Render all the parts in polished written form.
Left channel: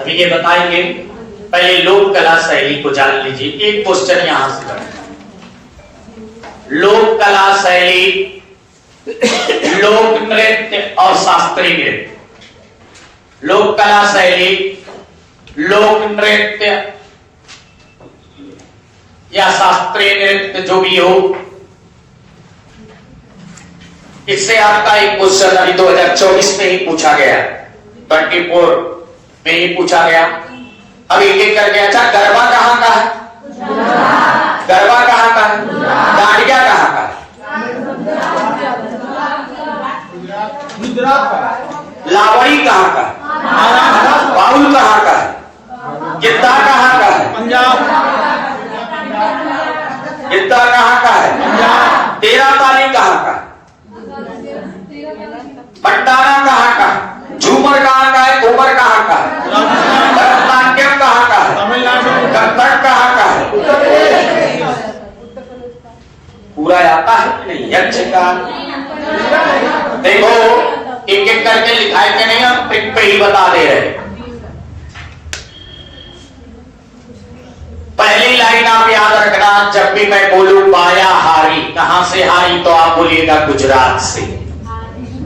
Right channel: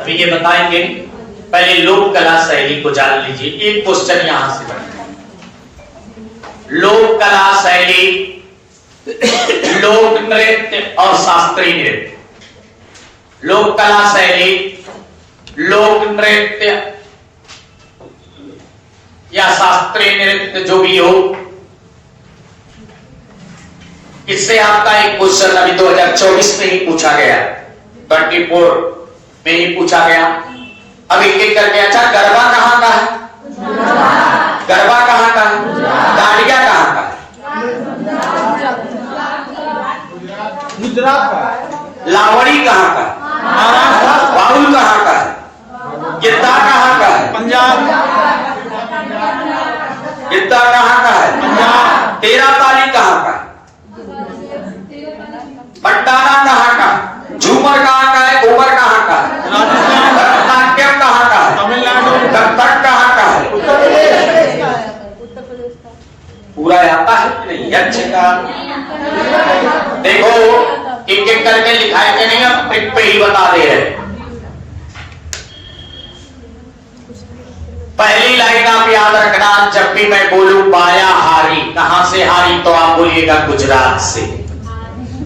अभी ये बताएंगे, पहले लोक कला शैली को जान लीजिए। एक क्वेश्चन यहां से रखना, लोक कला शैली, लोक नृत्य और शास्त्रीय नृत्य। लोक कला शैली, लोक नृत्य या शास्त्रीय नृत्य जो भी हो, इससे आपका एक क्वेश्चन अभी 2024 में ही पूछा गया, 24 में ही पूछा गया। अब एक एक करके, अच्छा गरबा कहाँ का है? गरबा कहाँ का है? डांडिया कहाँ का है? गुजरात का। लावड़ी कहाँ का? बाउल कहाँ का है? गिद्दा कहाँ का है? पंजाब। गिद्दा कहाँ का है? पंजाब। तेरा ताली कहाँ का? भंडारा कहाँ का? झूमर कहाँ का है? घूमर कहाँ का है? भरतनाट्यम कहाँ का है? तमिलनाडु। कथक कहाँ का है? पूरा आता है कि नहीं? यक्षगान। देखो एक एक करके लिखाए के नहीं, हम ट्रिक पे ही बता दे रहे। पहली लाइन आप याद रखना, जब भी मैं बोलूं बाया हारी, कहां से हारी तो आप बोलिएगा गुजरात से।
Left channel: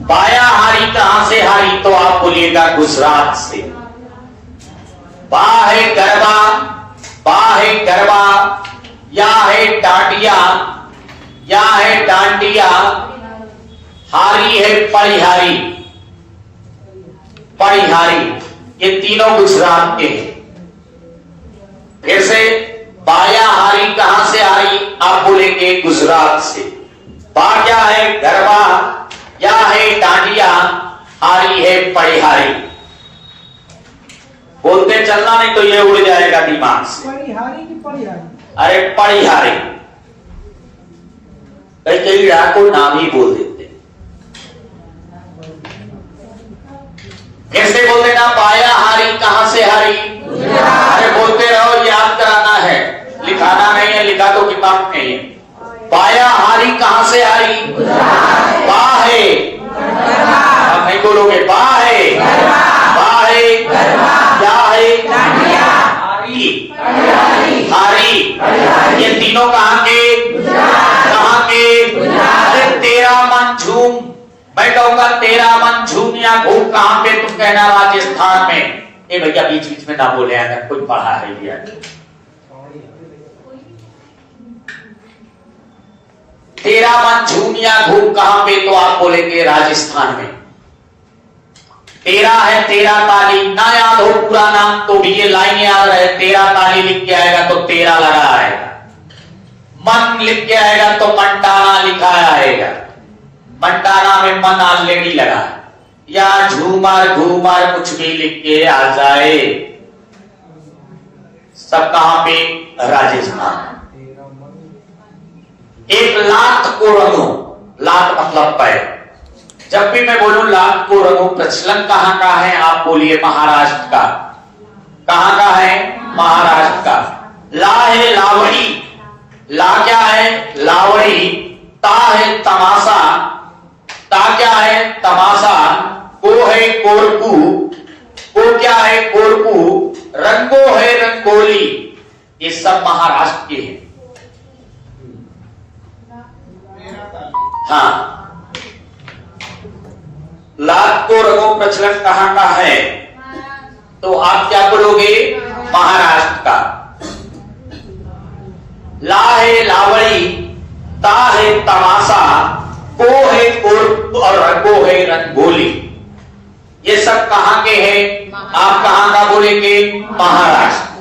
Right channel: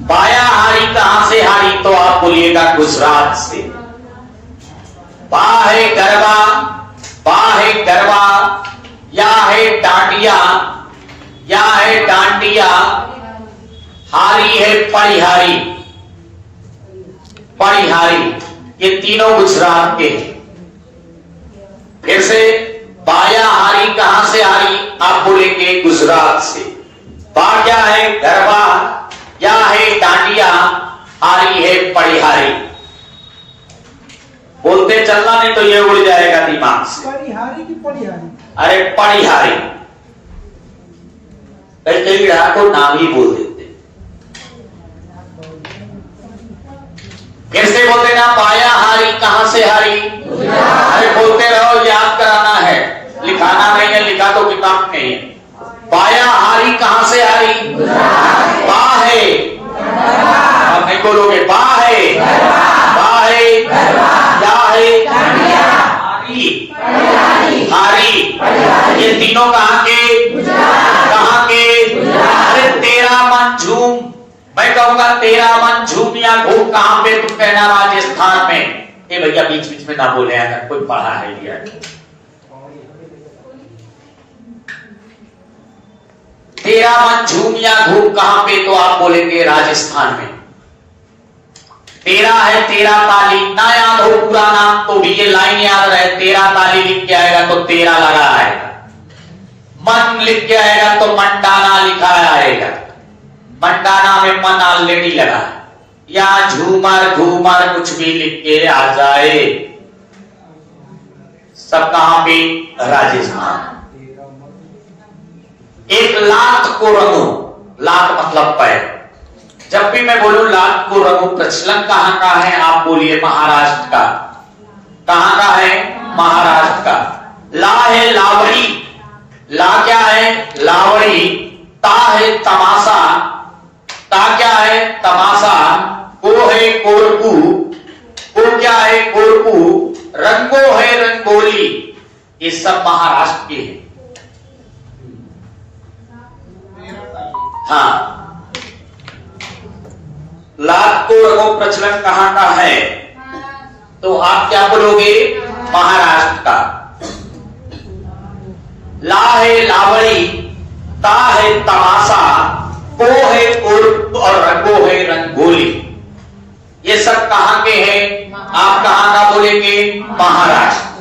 बाया हारी कहां से हारी तो आप बोलिएगा गुजरात से। बा है गरबा, बा है गरबा, या है डांडिया, या है डांडिया, हारी है परिहारी। परिहारी ये तीनों गुजरात के हैं। फिर से, बाया हारी कहां से हारी आप बोलेंगे गुजरात से। बा क्या है? गरबा, या है डांडिया, हारी है परिहारी। बोलते चलना नहीं तो ये उड़ जाएगा दिमाग से। परिहारी की परिहारी? अरे परिहारी, कई को नाम ही बोल देते। फिर से बोलते ना, बाया हारी कहां से हारी? अरे बोलते रहो, याद कराना है, लिखाना नहीं है, लिखा तो किताब नहीं है। बाया हारी कहां से हारी? बा है, आप नहीं बोलोगे, बा है, बा है, क्या है? हारी, हारी, ये तीनों कहां के? कहां के? अरे तेरा मन झूम, मैं कहूंगा तेरा मन झूम या घूम, कहां पे? तुम कहना राजस्थान में। ये भैया बीच बीच में ना बोले, अगर कोई पढ़ा है भैया। तेरा मन झूम या घूम कहां पे तो आप बोलेंगे राजस्थान में। तेरा है तेरा ताली, ना याद हो पूरा नाम तो भी ये लाइन याद रहे, तेरा ताली लिख के आएगा तो तेरा लगा आएगा। मन लिख के आएगा तो मंडाना लिखा आएगा। मंडाना में मन ऑलरेडी लगा, या झूमर घूमर कुछ भी लिख के आ जाए, सब कहां पे? राजस्थान। एक लात को रंगो, लात मतलब पैर। जब भी मैं बोलूं लात को रंगो, प्रचलन कहां का है? आप बोलिए महाराष्ट्र का। कहां का है? महाराष्ट्र का। ला है लावड़ी, ला क्या है? लावड़ी। ता है तमाशा, ता क्या है? तमाशा। को है कोरकू, को क्या है? कोरकू। रंगो है रंगोली, ये सब महाराष्ट्र के हैं। हाँ, लात को रंगो प्रचलन कहां का है? तो आप क्या बोलोगे? महाराष्ट्र का। ला है लावड़ी, ता है तमाशा, को है कोरकू और रंगो है रंगोली, ये सब कहां के हैं? आप कहां का बोलेंगे? महाराष्ट्र।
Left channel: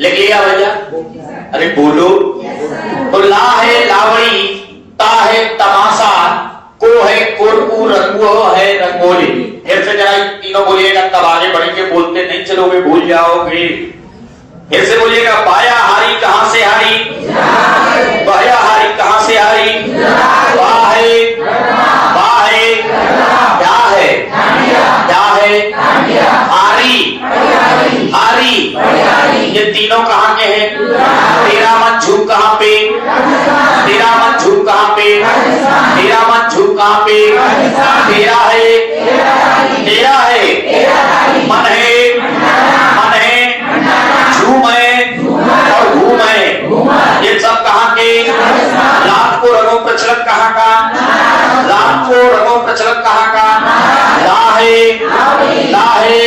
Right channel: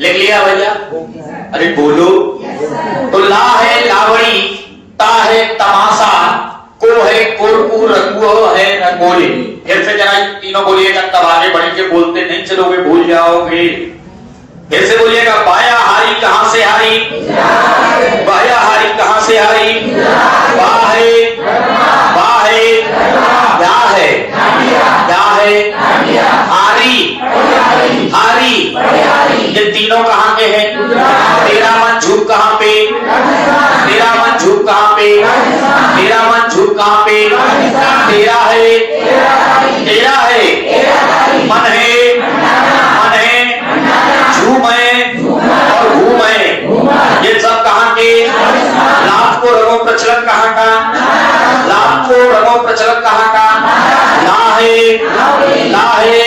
लिख लिया भैया? अरे बोलो। तो ला है लावड़ी, ता है तमाशा, को है कोरकू, रंगो है रंगोली। फिर से जरा तीनों बोलिएगा, तब आगे बढ़ेंगे। बोलते नहीं चलोगे, भूल जाओगे। फिर से बोलिएगा, बाया हारी कहां से हारी? बाया हारी कहां से हारी? बा है, बा है, क्या है? क्या है? ये तीनों कहाँ के हैं? तेरा मन झूठ कहाँ पे? तेरा मन झूठ कहाँ पे? तेरा मन झूठ कहाँ पे? तेरा है, तेरा है, मन है, मन है, झूम है और घूम है। ये सब कहाँ के? लाभ को रंगों प्रचलन कहाँ का? लाभ को रंगों प्रचलन कहाँ का? ला है, ला है,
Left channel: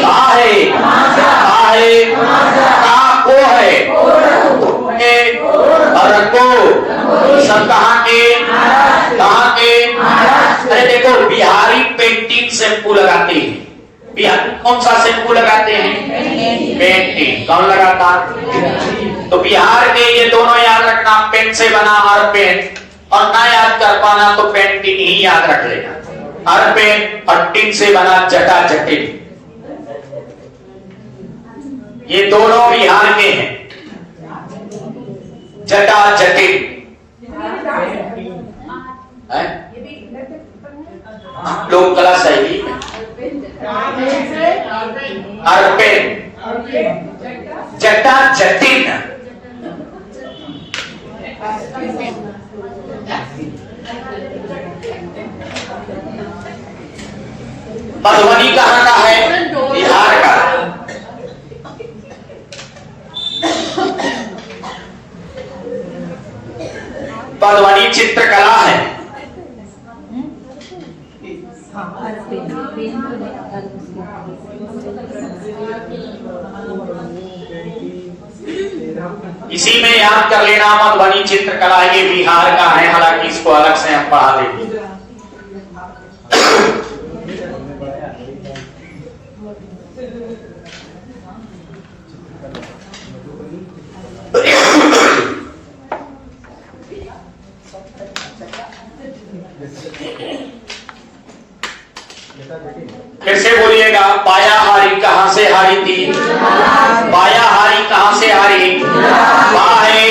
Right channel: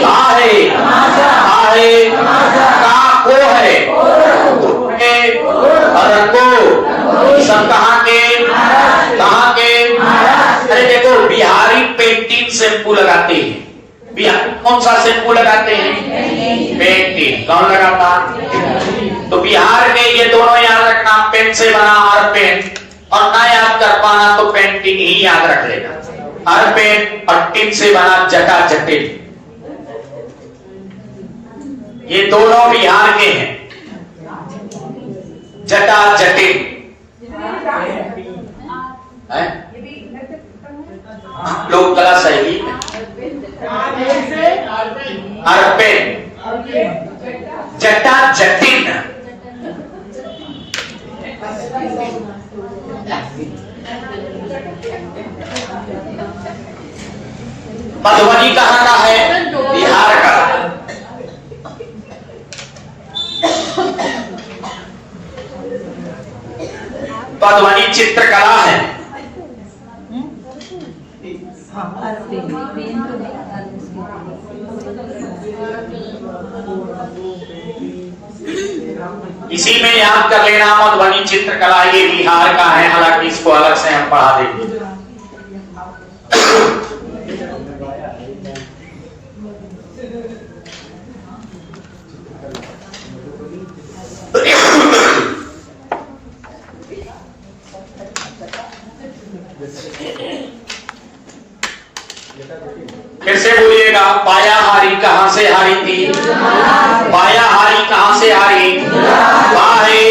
ला है, ला है, का को है, के और को सब कहाँ के? कहाँ के? अरे देखो, बिहारी पेंटिंग शैम्पू लगाते हैं। बिहारी कौन सा शैम्पू लगाते हैं? पेंटिंग। कौन लगाता? तो बिहार में ये दोनों याद रखना, पेन से बना हर पेन, और ना याद कर पाना तो पेंटिंग ही याद रख लेना। हर पेन और टिन से बना जटा जटिन। ये दोनों बिहार के हैं, जटा जटिन है। लोक कला शैली में अरपेन, जटा जटिन। मधुबनी कहाँ का है? बिहार का। मधुबनी चित्रकला है। इसी में याद कर लेना, मधुबनी चित्रकला ये बिहार का है, हालांकि इसको अलग से हम पढ़ा देंगे। फिर से बोलिएगा, बाया हारी कहां से हारी थी? बाया हारी कहां से हारी? बा है,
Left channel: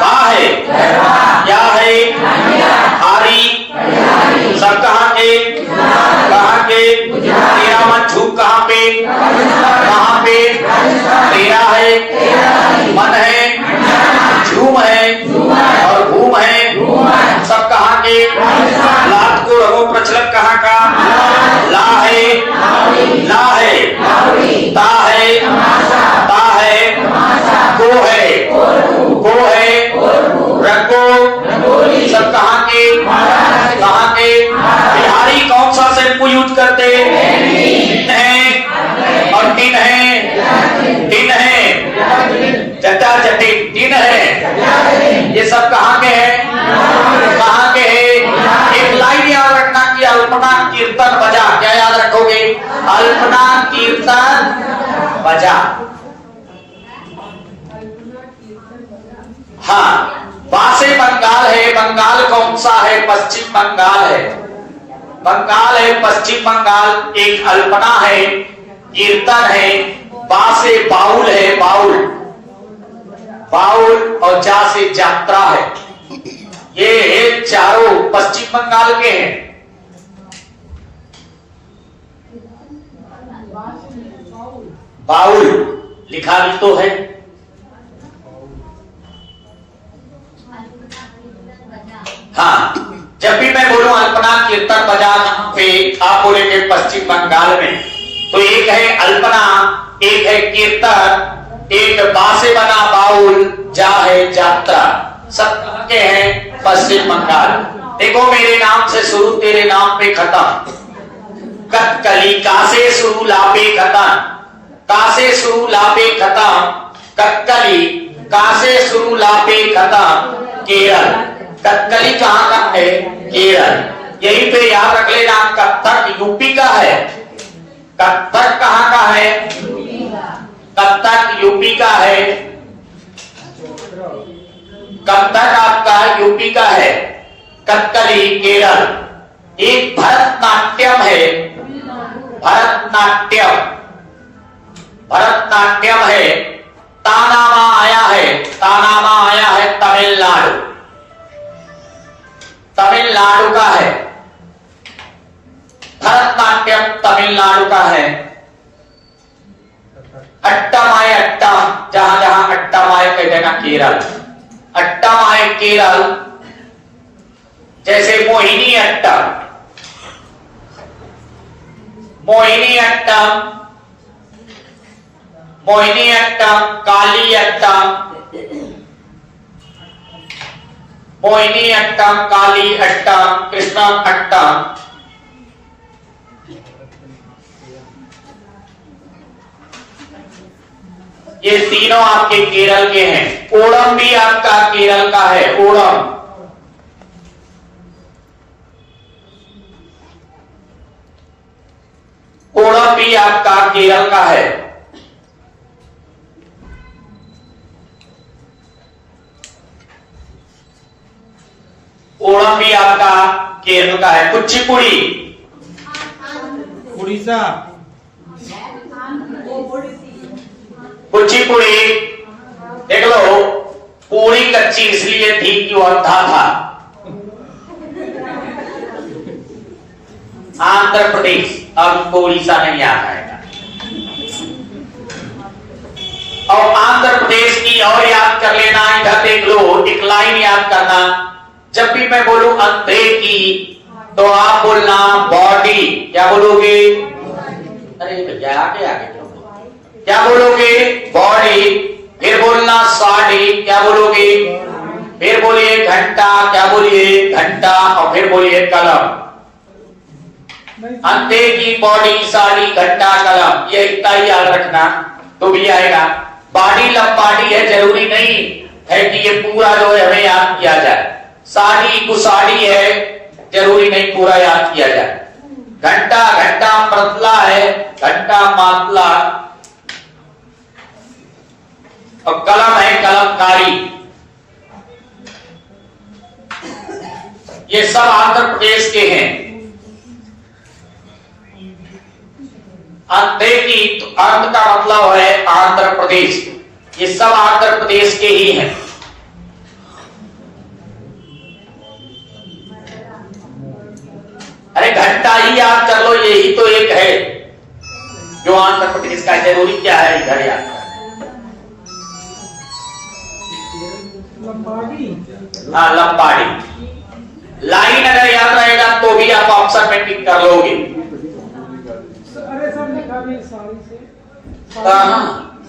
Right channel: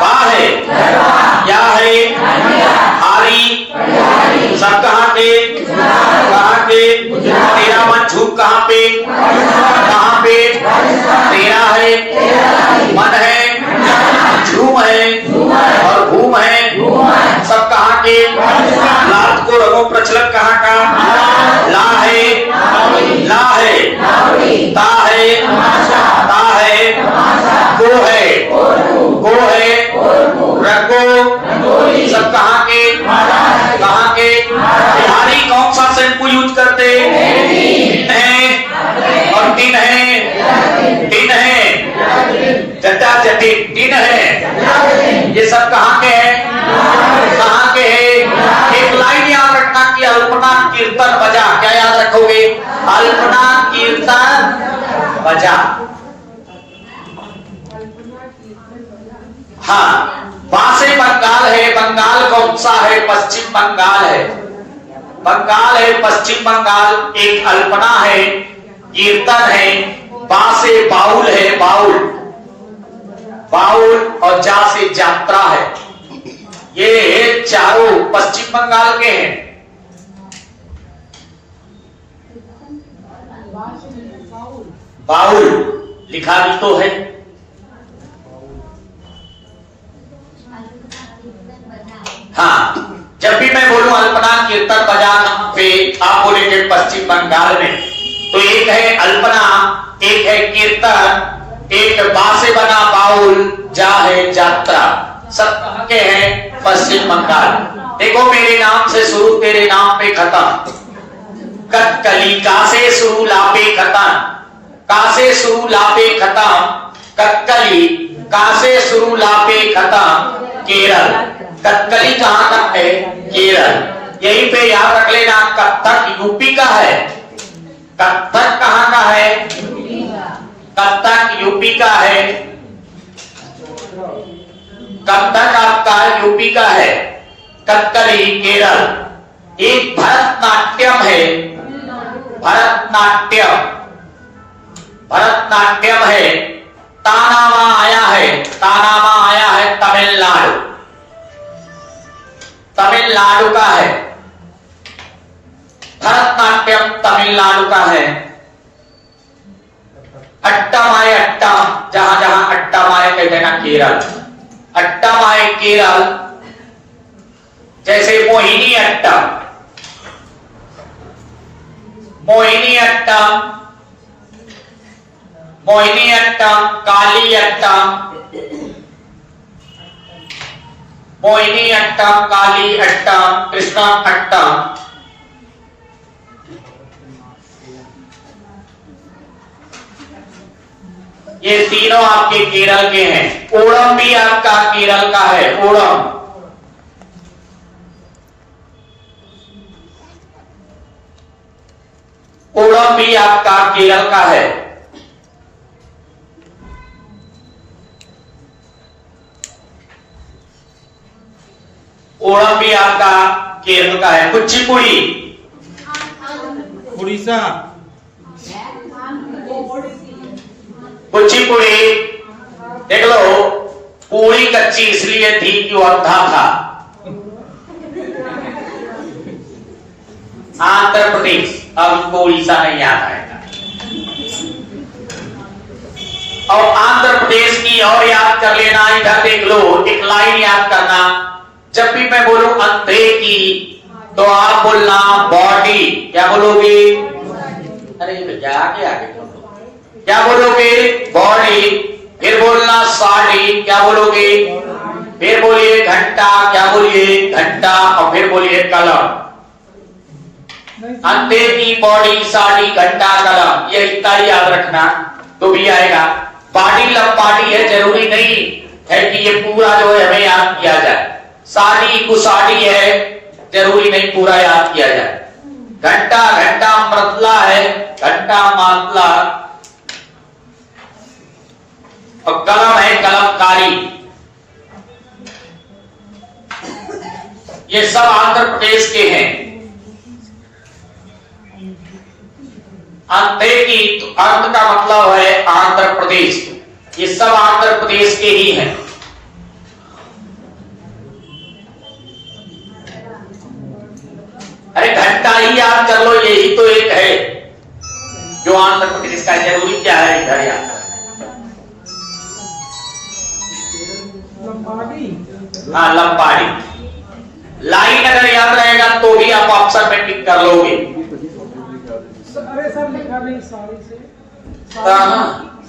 बा है, क्या है? हारी। सब कहां के? कहां के? तेरा मन झूठ कहां पे? कहां पे? तेरा है, मन है, झूम है और घूम है। सब कहां के? लात को रंगों प्रचलन कहां का? ला है, ला है, ता है, ता है, को है, को है, रंगो। सब कहां के? कहां के? बिहारी कौन सा शैम्पू यूज करते? टिन है और टिन है, टिन है, जटा जटिन टिन है। ये सब कहां के हैं? कहां के हैं? एक लाइन याद रखना कि अल्पना कीर्तन बजा। क्या याद रखोगे? अल्पना कीर्तन बजा। हाँ, वहां से बंगाल है। बंगाल कौन सा है? पश्चिम बंगाल है। बंगाल है, पश्चिम बंगाल। एक अल्पना है, कीर्तन है, बा से बाउल है, बाउल, बाउल और जा से यात्रा है। ये चारों पश्चिम बंगाल के हैं। बाउल लिखा भी तो है। हाँ, जब भी मैं बोलूं अल्पना कीर्तन बजा पे, आप बोलेंगे पश्चिम बंगाल में, तो एक है अल्पना, एक है कीर्तन, एक बा से बना बाउल, जा है यात्रा। सब कहां के हैं? पश्चिम बंगाल। देखो, मेरे नाम से शुरू, तेरे नाम पे खत्म। कथकली का से शुरू, ला पे खत्म। का से शुरू, ला पे खत्म। कथकली का से शुरू, ला पे खत्म। केरल। कथकली कहाँ का है? केरल। यहीं पे याद रख लेना, कथक यूपी का है। कथक कहाँ का है? कथक यूपी का है। कथक आपका यूपी का है। कथकली केरल। एक भरतनाट्यम है। भरतनाट्यम, भरतनाट्यम है। तानामा आया है। तानामा आया है तमिलनाडु। तमिलनाडु का है। भरतनाट्यम तमिलनाडु का है। अट्टामाय अट्टा, जहां जहां अट्टामाय कहते हैं ना केरल, अट्टामाय केरल, जैसे मोहिनी अट्टा, मोहिनी अट्टा, मोहिनी अट्टा, काली अट्टा, मोहिनी अट्टा, काली अट्टा, कृष्णा अट्टा। ये तीनों आपके केरल के हैं। ओणम भी आपका केरल का है, ओणम। ओणम भी आपका केरल का है। ओणम भी आपका केरल का है। कुचिपुड़ी उड़ीसा। कुचिपुड़ी देख लो, पूरी कच्ची इसलिए थी कि वो अंधा था। आंध्र प्रदेश, अब उनको उड़ीसा नहीं आता है। और आंध्र प्रदेश की और याद कर लेना, इधर देख लो, एक लाइन याद करना। जब भी मैं बोलूं अंधे की, तो आप बोलना बॉडी। क्या बोलोगे? अरे भैया आगे आगे क्या बोलोगे? बॉडी। फिर बोलना साड़ी। क्या बोलोगे? फिर बोलिए घंटा। क्या बोलिए? घंटा। और फिर बोलिए कलम। अंधे की बॉडी, साड़ी, घंटा, कलम, ये इतना ही याद रखना तो भी आएगा। बाडी लंबाडी है, जरूरी नहीं है कि ये पूरा जो है हमें याद किया जाए। साड़ी कुसाड़ी है, जरूरी नहीं पूरा याद किया जाए। घंटा, घंटा मृतला है, घंटा मातला। और कलम है कलमकारी। ये सब आंध्र प्रदेश के हैं। अंधे की अर्थ का मतलब है आंध्र प्रदेश। ये सब आंध्र प्रदेश के ही हैं। अरे घंटा ही याद कर लो, यही तो एक है जो आंध्र प्रदेश का। जरूरी क्या है इधर याद? हाँ, लंबाड़ी। लाइन अगर याद रहेगा तो भी आप ऑप्शन में टिक कर लोगे। अरे सर लिखा नहीं साड़ी से।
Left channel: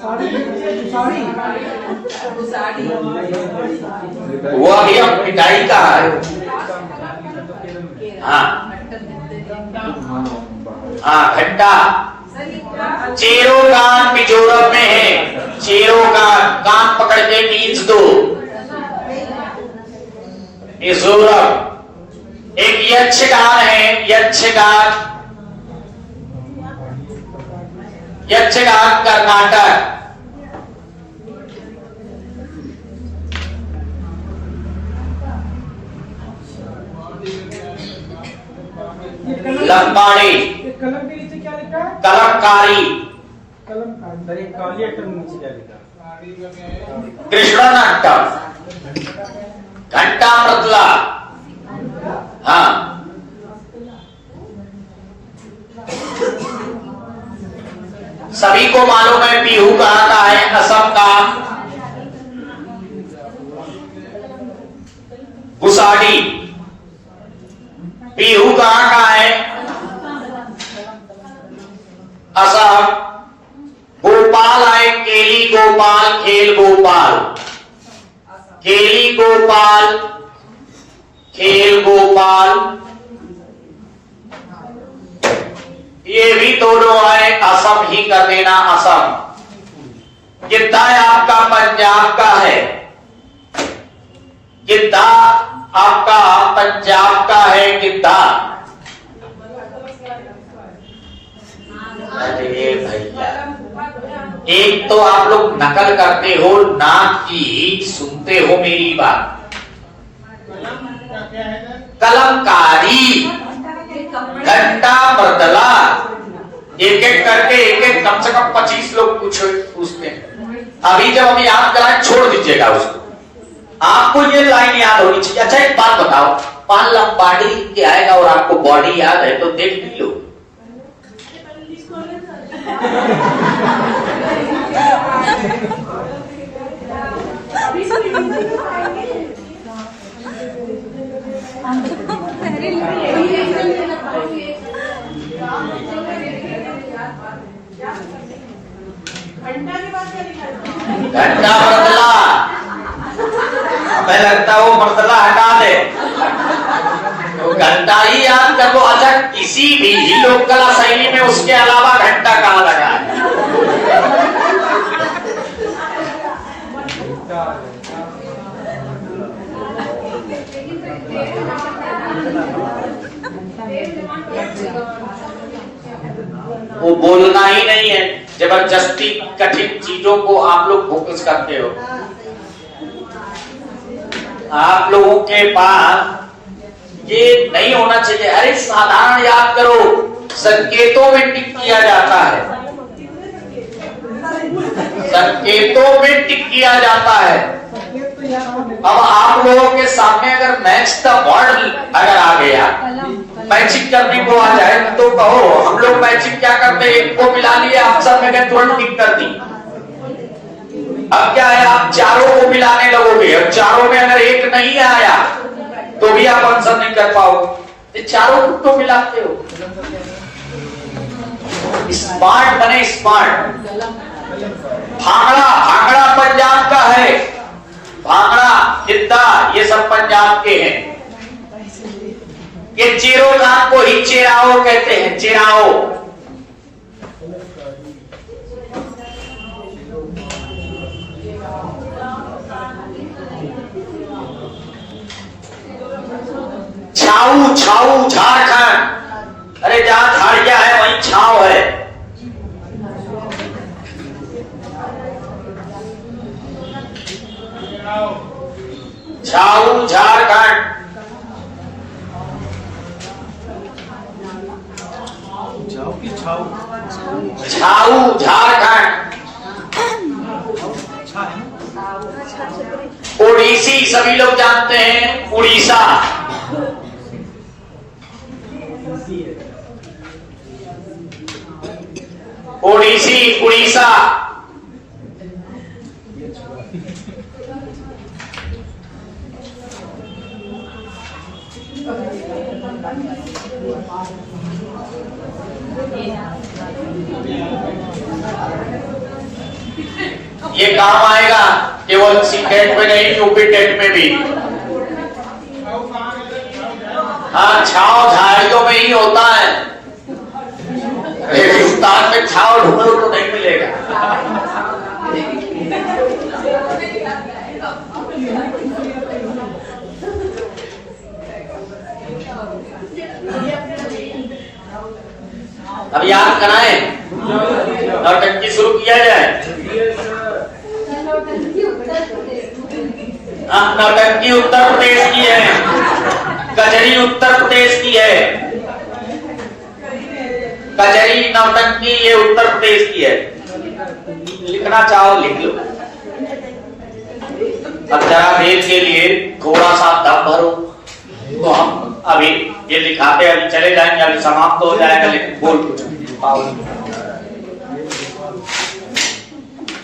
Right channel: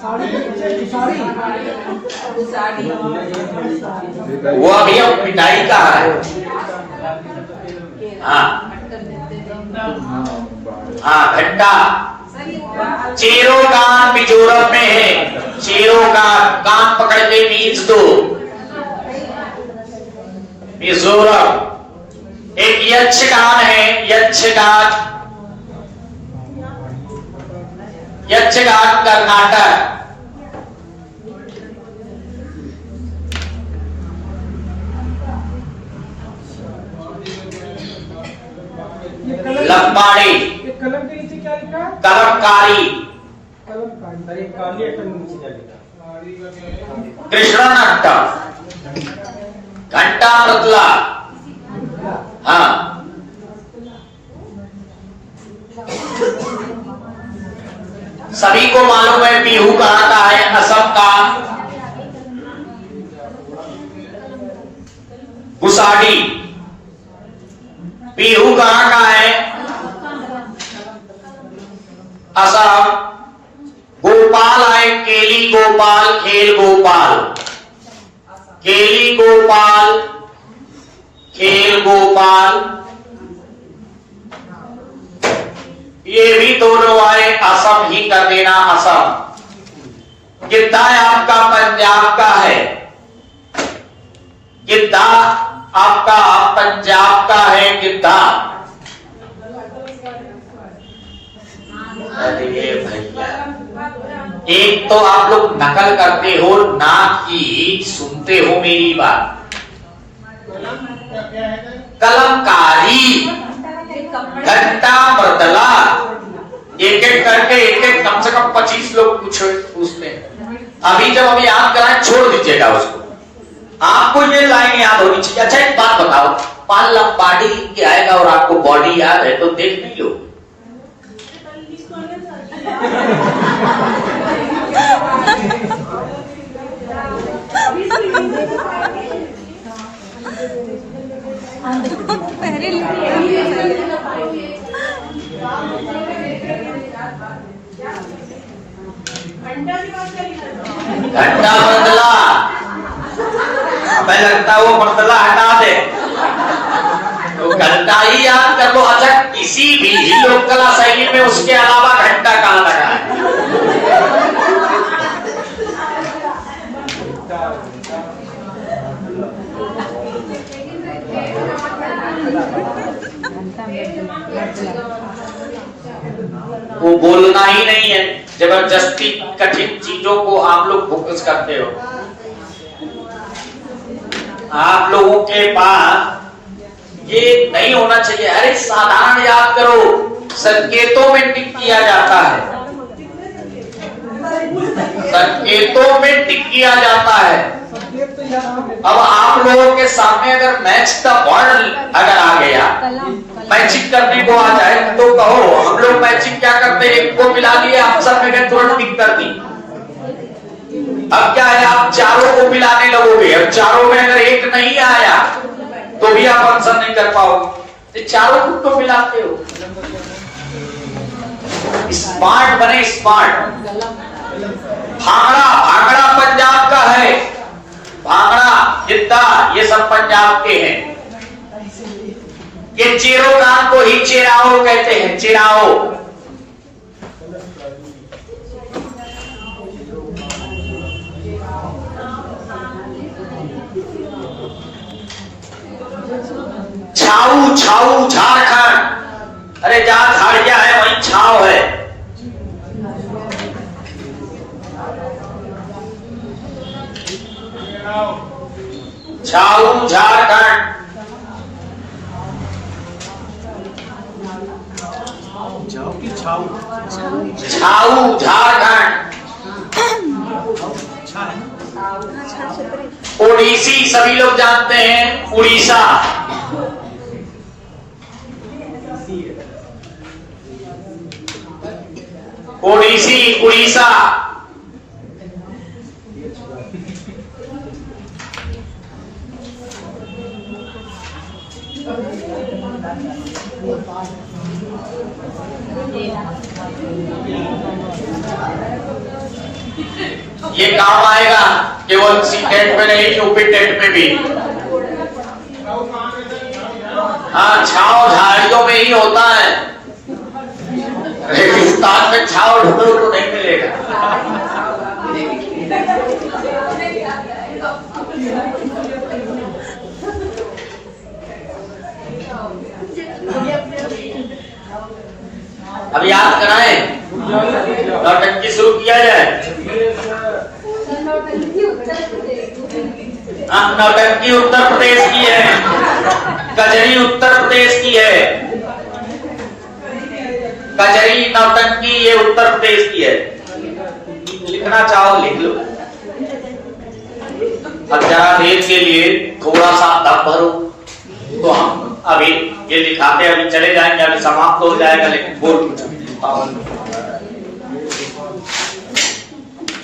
साड़ी वो अभी अब पिटाई का है। हाँ हाँ, घंटा। चेरोगान मिजोरम में है। चेरोगान, कान पकड़ के मीन्स दो। मिजोरम। एक यक्षगान है, यक्षगान। यक्षगान कर्नाटक। लंबाड़ी। कलम के नीचे क्या लिखा है? कलमकारी। कलमकारी। काली अट्टा नीचे क्या लिखा? कृष्णनाट्टा। घंटा मृतला। हाँ, सभी को मालूम है बिहू कहाँ का है? असम का। गुसाडी। बिहू कहाँ का है? असम। गोपाल है, केली गोपाल, खेल गोपाल। केली गोपाल, खेल गोपाल, ये भी दोनों आए। असम ही कर देना, असम। गिद्धा आपका पंजाब का है। गिद्धा आपका पंजाब का है, गिद्धा। अरे भैया, एक तो आप लोग नकल करते हो नाक की, सुनते हो मेरी बात। कलमकारी, घंटा मृदला। एक एक करके एक कम से कम 25 लोग पूछते हैं। अभी जब हम याद कराएं, छोड़ दीजिएगा उसको। आपको ये लाइन याद होनी चाहिए। अच्छा एक बात बताओ, पान लंबाड़ी के आएगा और आपको बॉडी याद है तो देख भी लो। घंटा बदला, मैं लगता वो बदला हटा दे तो घंटा ही याद कर लो। अच्छा, किसी भी लोक कला शैली में उसके अलावा घंटा कहाँ लगा है? वो बोलना ही नहीं है, जबरदस्ती कठिन चीजों को आप लोग फोकस करते हो। आप लोगों के पास ये नहीं होना चाहिए। अरे साधारण याद करो, संकेतों में टिक किया जाता है, संकेतों में टिक किया जाता है। अब आप लोगों के सामने अगर मैच द वर्ड अगर आ गया, मैचिंग करने को आ जाए तो कहो। हम लोग मैचिंग क्या करते हैं, एक को मिला लिया आंसर में गए, तुरंत टिक कर दी। अब क्या है, आप चारों को मिलाने लगोगे, अब चारों में अगर एक नहीं आया तो भी आप आंसर नहीं कर पाओगे। चारों को तो मिलाते हो। स्मार्ट बने, स्मार्ट। भांगड़ा, भांगड़ा पंजाब का है, भांगड़ा गिद्दा ये सब पंजाब के हैं। ये चेरो कान को ही चेराओ कहते हैं, चेराओ। छाऊ, छाऊ झारखंड। अरे जहां झाड़िया है वहीं छाव है। छाऊ झारखंड। छाऊ झारखंड। ओडिसी सभी लोग जानते हैं, उड़ीसा। ओडिसी, उड़ीसा। ये काम आएगा केवल सीटेट में नहीं, यूपी टेट में भी। हाँ, छाव झाड़ियों में ही होता है। हिंदुस्तान में छाव ढूंढो तो नहीं मिलेगा। अब याद कराएं, नौटंकी शुरू किया जाए। नौटंकी उत्तर प्रदेश की है, कजरी उत्तर प्रदेश की है। कजरी नौटंकी ये उत्तर प्रदेश की है। लिखना चाहो लिख लो। अब जरा देर के लिए थोड़ा सा दम भरो, तो हम अभी ये दिखाते अभी चले जाएंगे, अभी समाप्त हो जाएगा, लेकिन बोल कुछ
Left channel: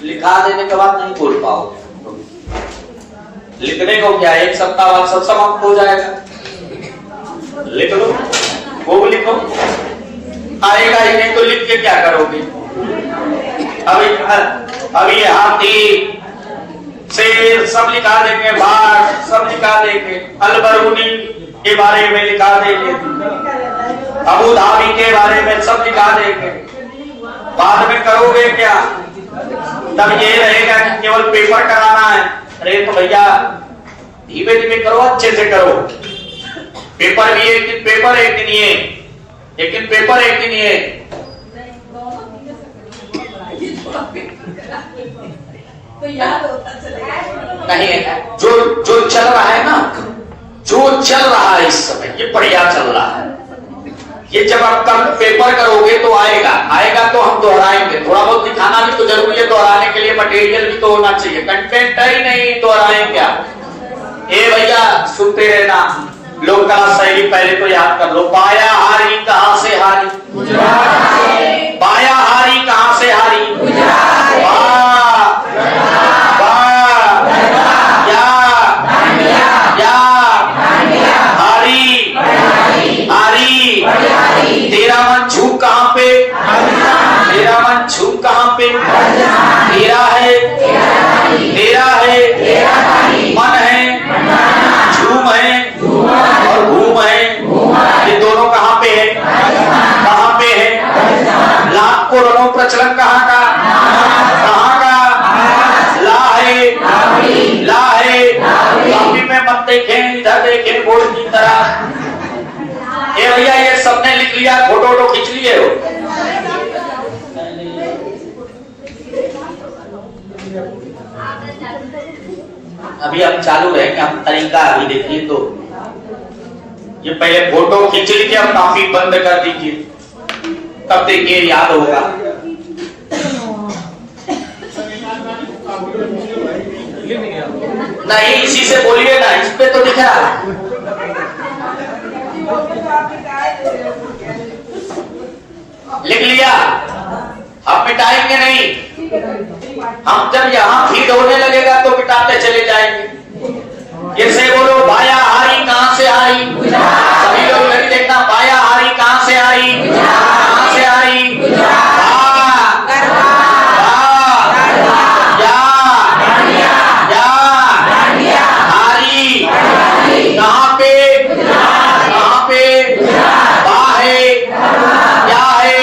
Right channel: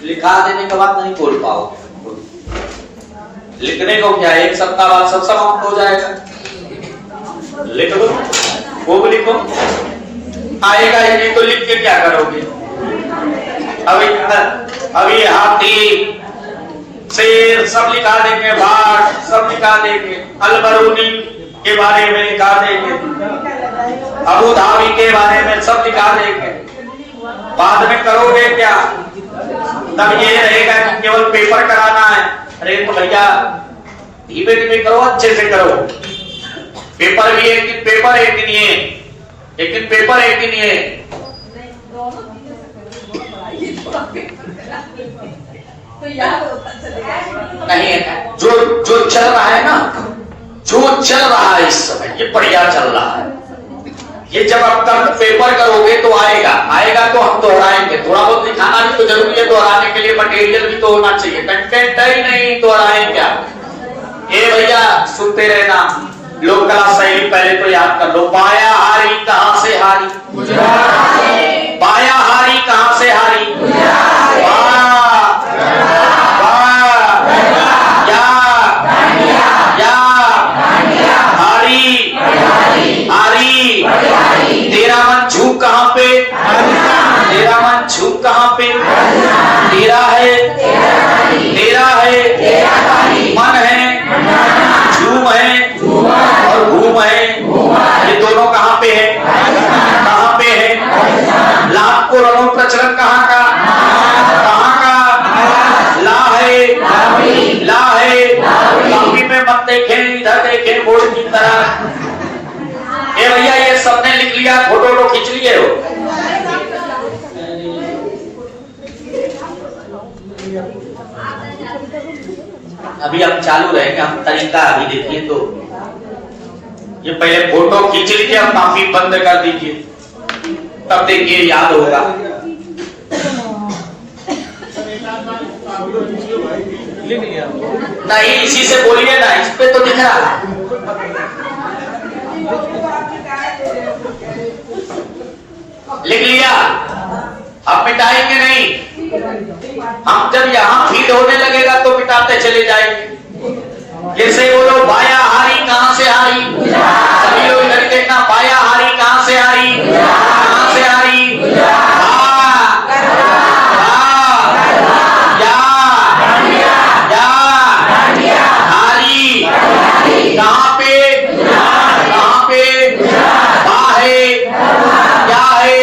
लिखा देने के बाद नहीं बोल पाओ। लिखने को क्या, एक सप्ताह बाद सब समाप्त हो जाएगा। लिख लो, वो लिखो। आएगा ही नहीं तो लिख के क्या करोगे? अभी हाथी, शेर सब लिखा देंगे, बाघ सब लिखा देंगे, अलबरूनी के बारे में लिखा देंगे, अबू धाबी के बारे में सब लिखा देंगे। बाद में करोगे क्या? तब ये रहेगा कि केवल पेपर कराना है। अरे तो भैया धीमे धीमे करो, अच्छे से करो। पेपर भी एक दिन, पेपर एक दिन ये, लेकिन पेपर एक दिन ये। नहीं है, जो चल रहा है ना, जो चल रहा है इस समय, ये बढ़िया चल रहा है। ये जब अब तक पेपर करोगे तो आएगा तो हम दोहराएंगे। थोड़ा बहुत दिखाना भी तो जरूरी है, दोहराने के लिए मटेरियल भी तो होना चाहिए। कंटेंट ही नहीं दोहराएंगे। ये भैया सुनते रहना, लोक कला शैली पहले तो याद कर लो। पाया हारी कहां से हारी, पाया हारी कहां से हारी, तेरा मन झूक कहां पे, तेरा मन झूक कहां पे, तेरा है, तेरा है, मन है, झूम है और घूम है। ये दोनों कहाँ पे है? कहाँ पे है? लाभ को रंगों प्रचलन कहाँ का? कहाँ का? ला है, ला है। काफी में मत देखें, इधर देखें बोर्ड की तरह। ये भैया ये सबने लिख लिया, फोटो खींच लिए हो। अभी हम चालू रहेंगे, हम तरीका अभी देखिए। तो ये पहले फोटो खींच लीजिए, अब माफी बंद कर दीजिए, तब देखिए याद होगा। नहीं इसी से बोलिए ना, इस पे तो लिखा। लिख लिया, अब मिटाएंगे नहीं। हम जब यहाँ फीड होने लगेगा तो मिटाते चले जाएंगे। जैसे बोलो बाया हारी कहाँ से आई? सभी लोग इधर देखना, बाया हारी कहाँ से आई? कहाँ से आई? कहाँ पे? कहाँ पे? बा है, क्या है?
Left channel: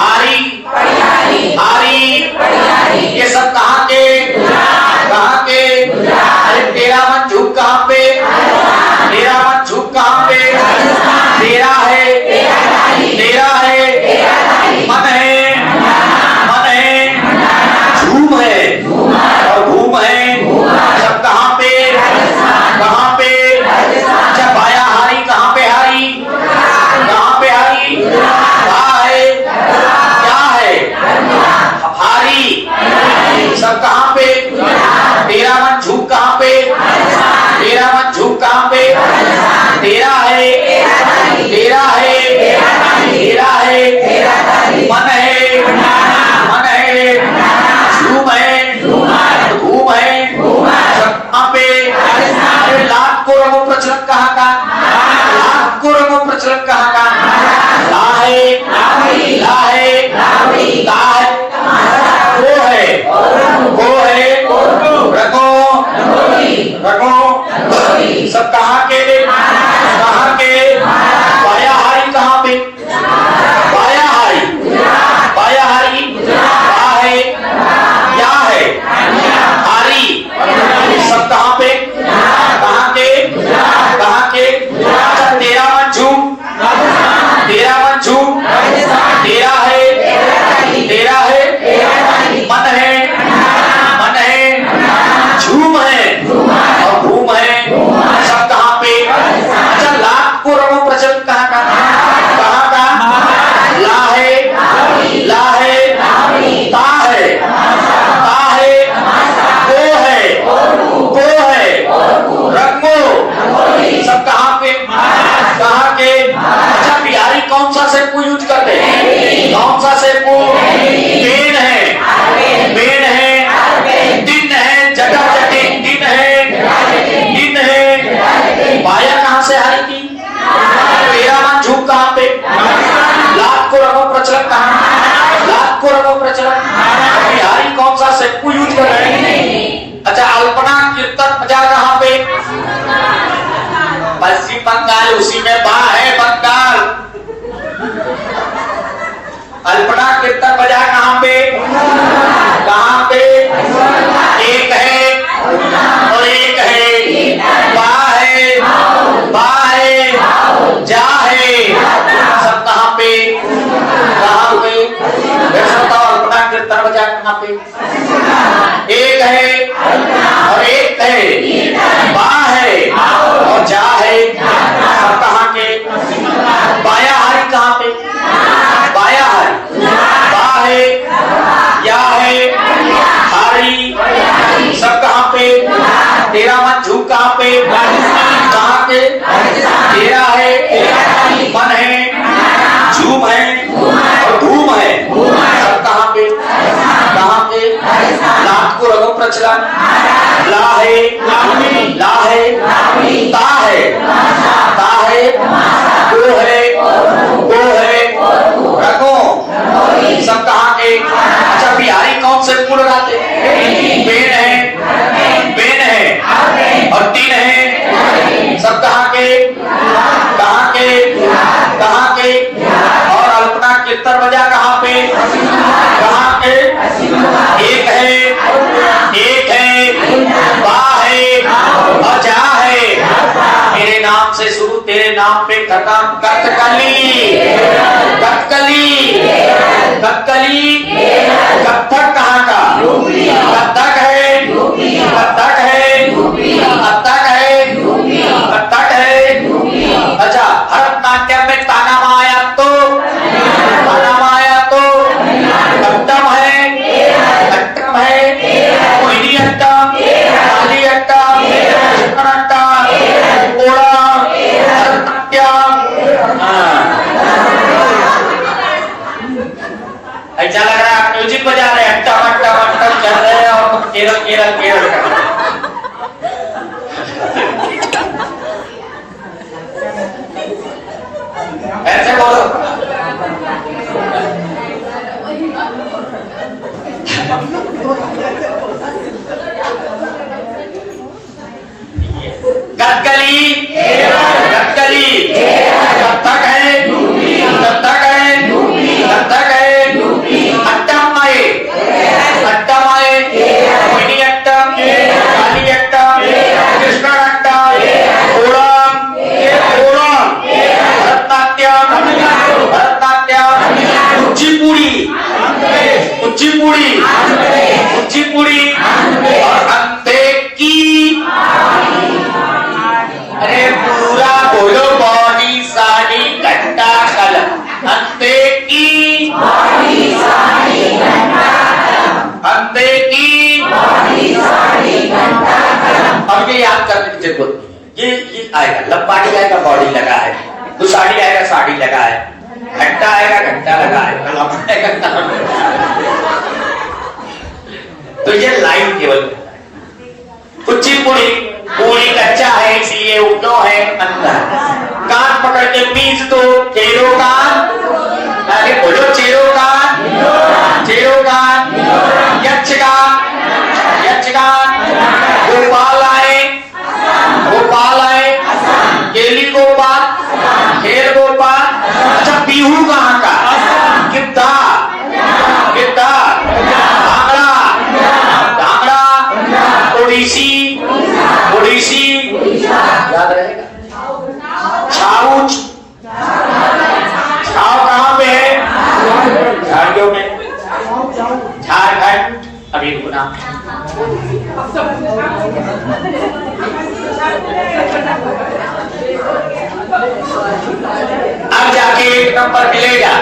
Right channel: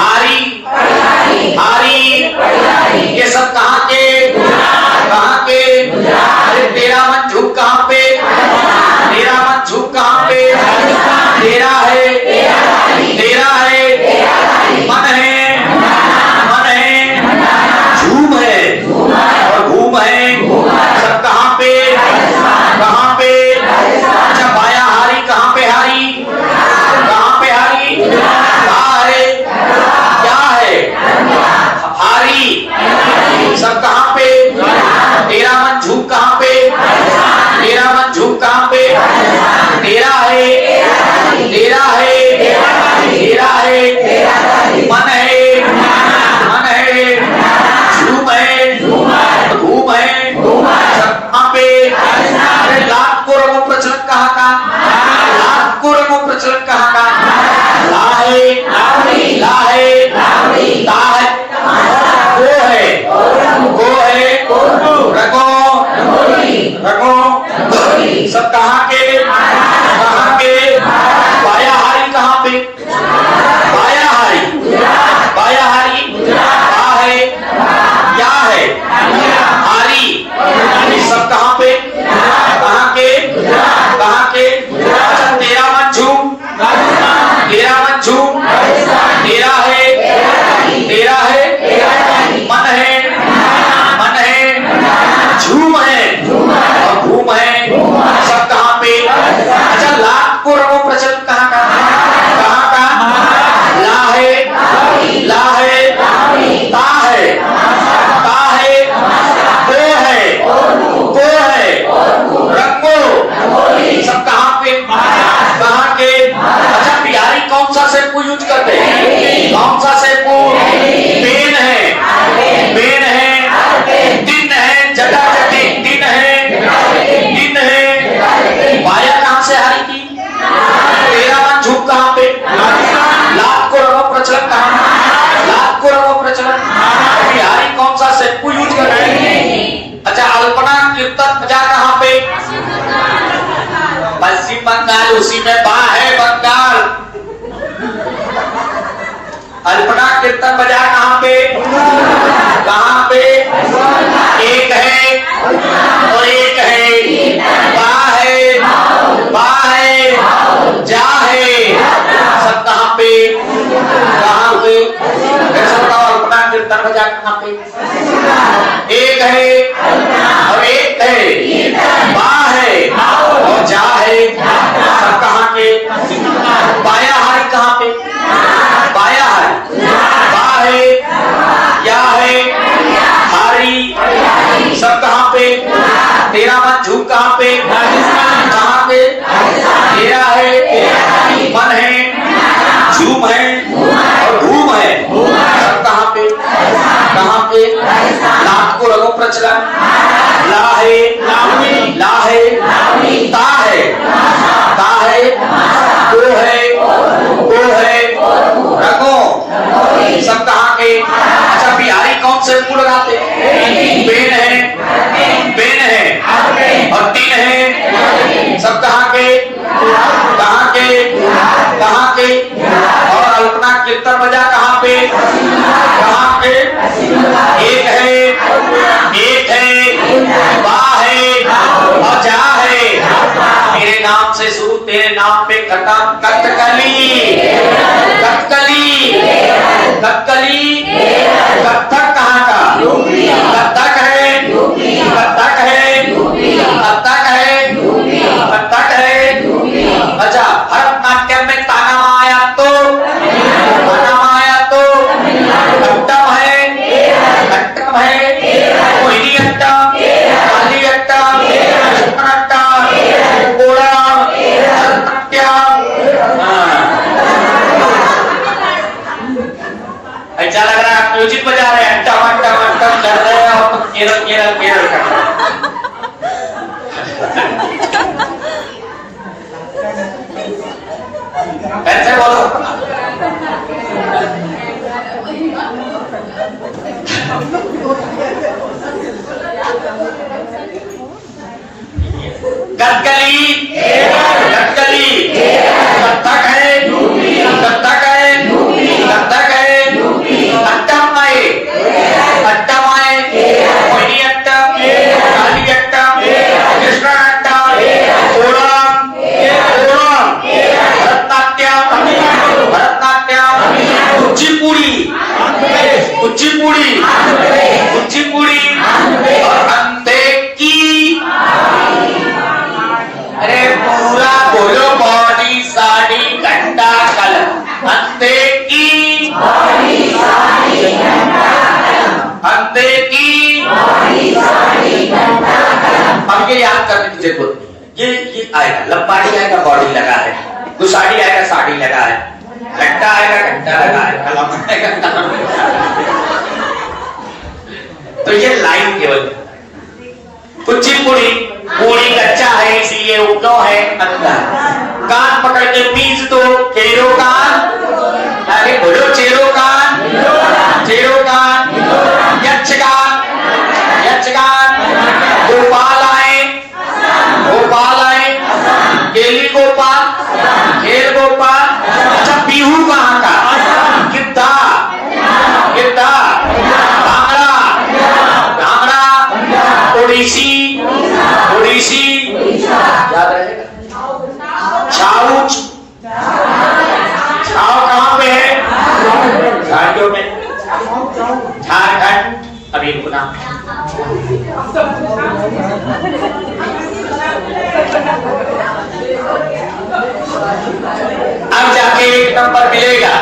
हारी, हारी। ये सब कहाँ के? कहाँ के? अरे तेरा मन झूक कहाँ पे? तेरा मन झूक कहाँ पे? तेरा है, तेरा है, मन है, मन है, झूम है और घूम है। सब कहाँ पे? कहाँ पे? अच्छा बाया हारी कहाँ पे? हारी कहाँ पे? हारी कहाँ है? क्या है? हारी। सब कहाँ पे? तेरा मन झूक कहाँ पे? तेरा मन झूक कहाँ पे? तेरा है, तेरा है, तेरा है, मन है, मन है, झूम है, घूम है। सब कहाँ पे? अरे लाभ को रंगों प्रचलन कहाँ का? लाभ को रंगों प्रचलन कहाँ का? ला है, ला है, ता है, वो है, रंगों, रंगों। सब कहाँ के? कहाँ के? बाया हारी कहाँ पे? बाया हारी, बाया हारी क्या है? क्या है? हारी। सब कहाँ पे? कहाँ के? कहाँ के? अच्छा तेरा मन झूम, तेरा मन झूम, तेरा है, तेरा है, मन है, मन है, झूम है और घूम है। सब कहाँ पे? अच्छा लाभ को रंगों प्रचलन कहाँ का? कहाँ का? ला है, ला है, ता है, ता है, को है, रंगो। सब कहाँ पे? कहाँ के? अच्छा बिहारी कौन सा शैम्पू यूज करते हैं? कौन सा शैम्पू? पेन है, पेन है, दिन है, जटा जटी दिन है, दिन है। बाया कहाँ से हारी की? तेरा मन झूक कहाँ पे? लाभ को रंगों प्रचलन कहाँ? लाभ को रंगों प्रचलन। बिहारी कौन सा शैम्पू यूज कर रहे हैं? अच्छा अल्पना कीर्तन बाजार कहाँ पे? पश्चिम बंगाल, उसी में बा है बंगाल। अल्पना कीर्तन बाजार कहाँ पे? कहाँ पे? एक है और एक है, बा है, बा है, जा है। सब कहाँ पे? कहाँ पे? अल्पना कीर्तन बाजार कहाँ पे? एक है और एक है, बा है और जा है। कहाँ के? बाया हारी कहाँ पे? बाया हारी, बा है, या है, हारी। सब कहाँ पे? तेरा मन झूक कहाँ पे? कहाँ पे? तेरा है, मन है, झूम है और घूम है। सब कहाँ पे? कहाँ पे? लाभ को रंगों प्रचलन। ला है, ला है, ता है, ता है, को है, रंगों। सब कहाँ के? अच्छा बिहारी कौन से मूल कथकली, कथकली, कथक कहाँ का? कथक है, कथक है, कथक है, कथक है। अच्छा, भरतनाट्यम में ताना माया तो कट्टम है, कट्टम है, मोहिनी अट्टम, काली अट्टम, कृष्ण अट्टम, ओणम, भरतनाट्यम। ऐसा लग रहा है म्यूजिक बजा रहे हैं, अट्टम अट्टम अट्टम कर रहे हैं और केरल केरल केरल कर रहे हैं। ऐसे बोलो। कथकली, कथकली, कथक है, कथक है, कथक है, अट्टम है, अट्टम है, मोहिनी अट्टम, काली अट्टम, कृष्ण अट्टम, ओणम, ओणम, भरतनाट्यम, भरतनाट्यम, कुचिपुड़ी, कुचिपुड़ी, कुचिपुड़ी और अंतेकी। अरे पूरा बोलो, बॉडी साड़ी घंटा कलम। अंतेकी, अंतेकी। अब ये याद करने की जरूरत नहीं है। ये आएगा, लंबाड़ी आएगा, बॉडी लगा है, तो साड़ी आएगा, साड़ी लगा है, घंटा आएगा, घंटा लगा है, कलम आएगा, कलम लगा है। तो ये लाइन केवल कुचिपुड़ी, पूरी कच्चा है इसलिए उपनो है अंदर। कान पकड़ के पीस दो, चेरो कान, अरे बोलो चेरो कान, चेरो कान, यक्षगान, यक्षगान, गोपाल आए, गोपाल आए, केली गोपाल, खेल गोपाल। अच्छा, बिहू कहाँ का? गिद्धा, गिद्धा, भांगड़ा, भांगड़ा, ओडिसी, ओडिसी, याद रहेगा। छाऊच, छाव कहाँ पे है? झाड़ियों में, झारखंड। अभी गुना अब जाके एक नंबर मिलेगा।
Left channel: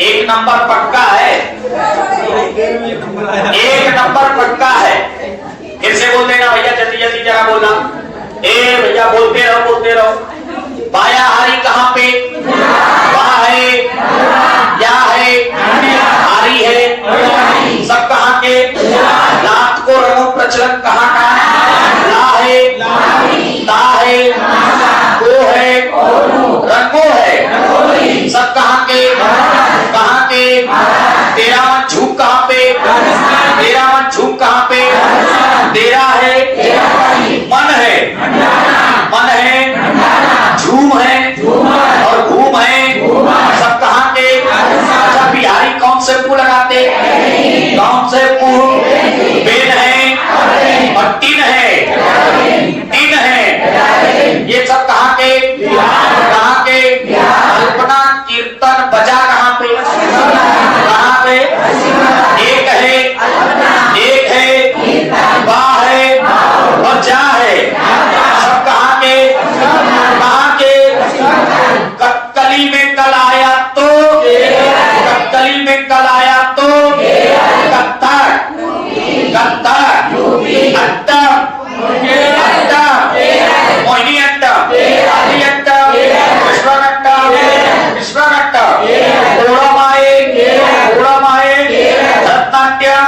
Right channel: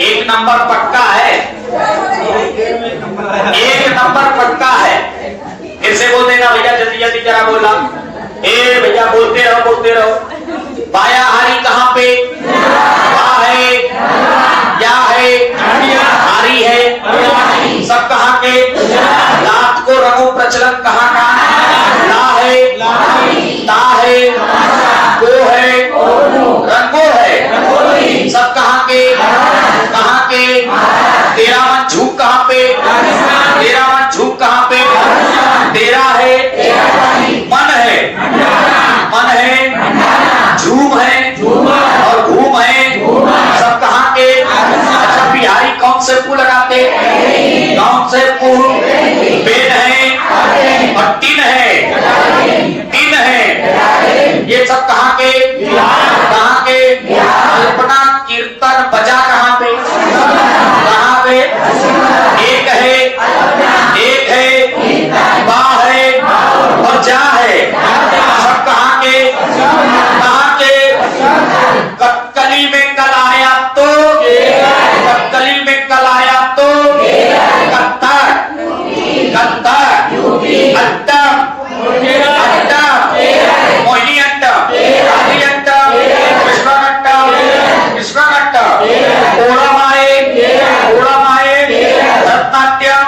एक नंबर पक्का है, एक नंबर पक्का है। फिर से बोल देना भैया, जल्दी जल्दी जरा बोलना। ए भैया बोलते रहो, बोलते रहो। बाया हारी कहाँ पे? क्या है? क्या है? हारी है। सब कहाँ के? रात को रंगो प्रचलन कहाँ का? ला है, ला है, को है, रंगो है। सब कहाँ के? कहाँ के? तेरा मन झूठ कहाँ पे? तेरा मन झूठ कहाँ पे? तेरा है, मन है, मन है, झूम है और घूम है। सब कहाँ के? अच्छा, बिहारी कौन से मुंह लगाते? कौन से मुंह? वेद है और टिन है, टिन है। ये सब कहाँ के? कहाँ के? कल्पना कीर्तन बजा कहाँ पे? कहाँ पे? एक है, एक है, वाह है और जा है। सब कहाँ के? कहाँ के? कथकली में कल आया तो, कथकली में कल आया तो, कथक, कथक, अट्टम, अट्टम, मोहिनी अट्टम, काली अट्टम, कृष्ण अट्टम, कृष्ण अट्टम, ओणम आए, ओणम आए, भरतनाट्यम,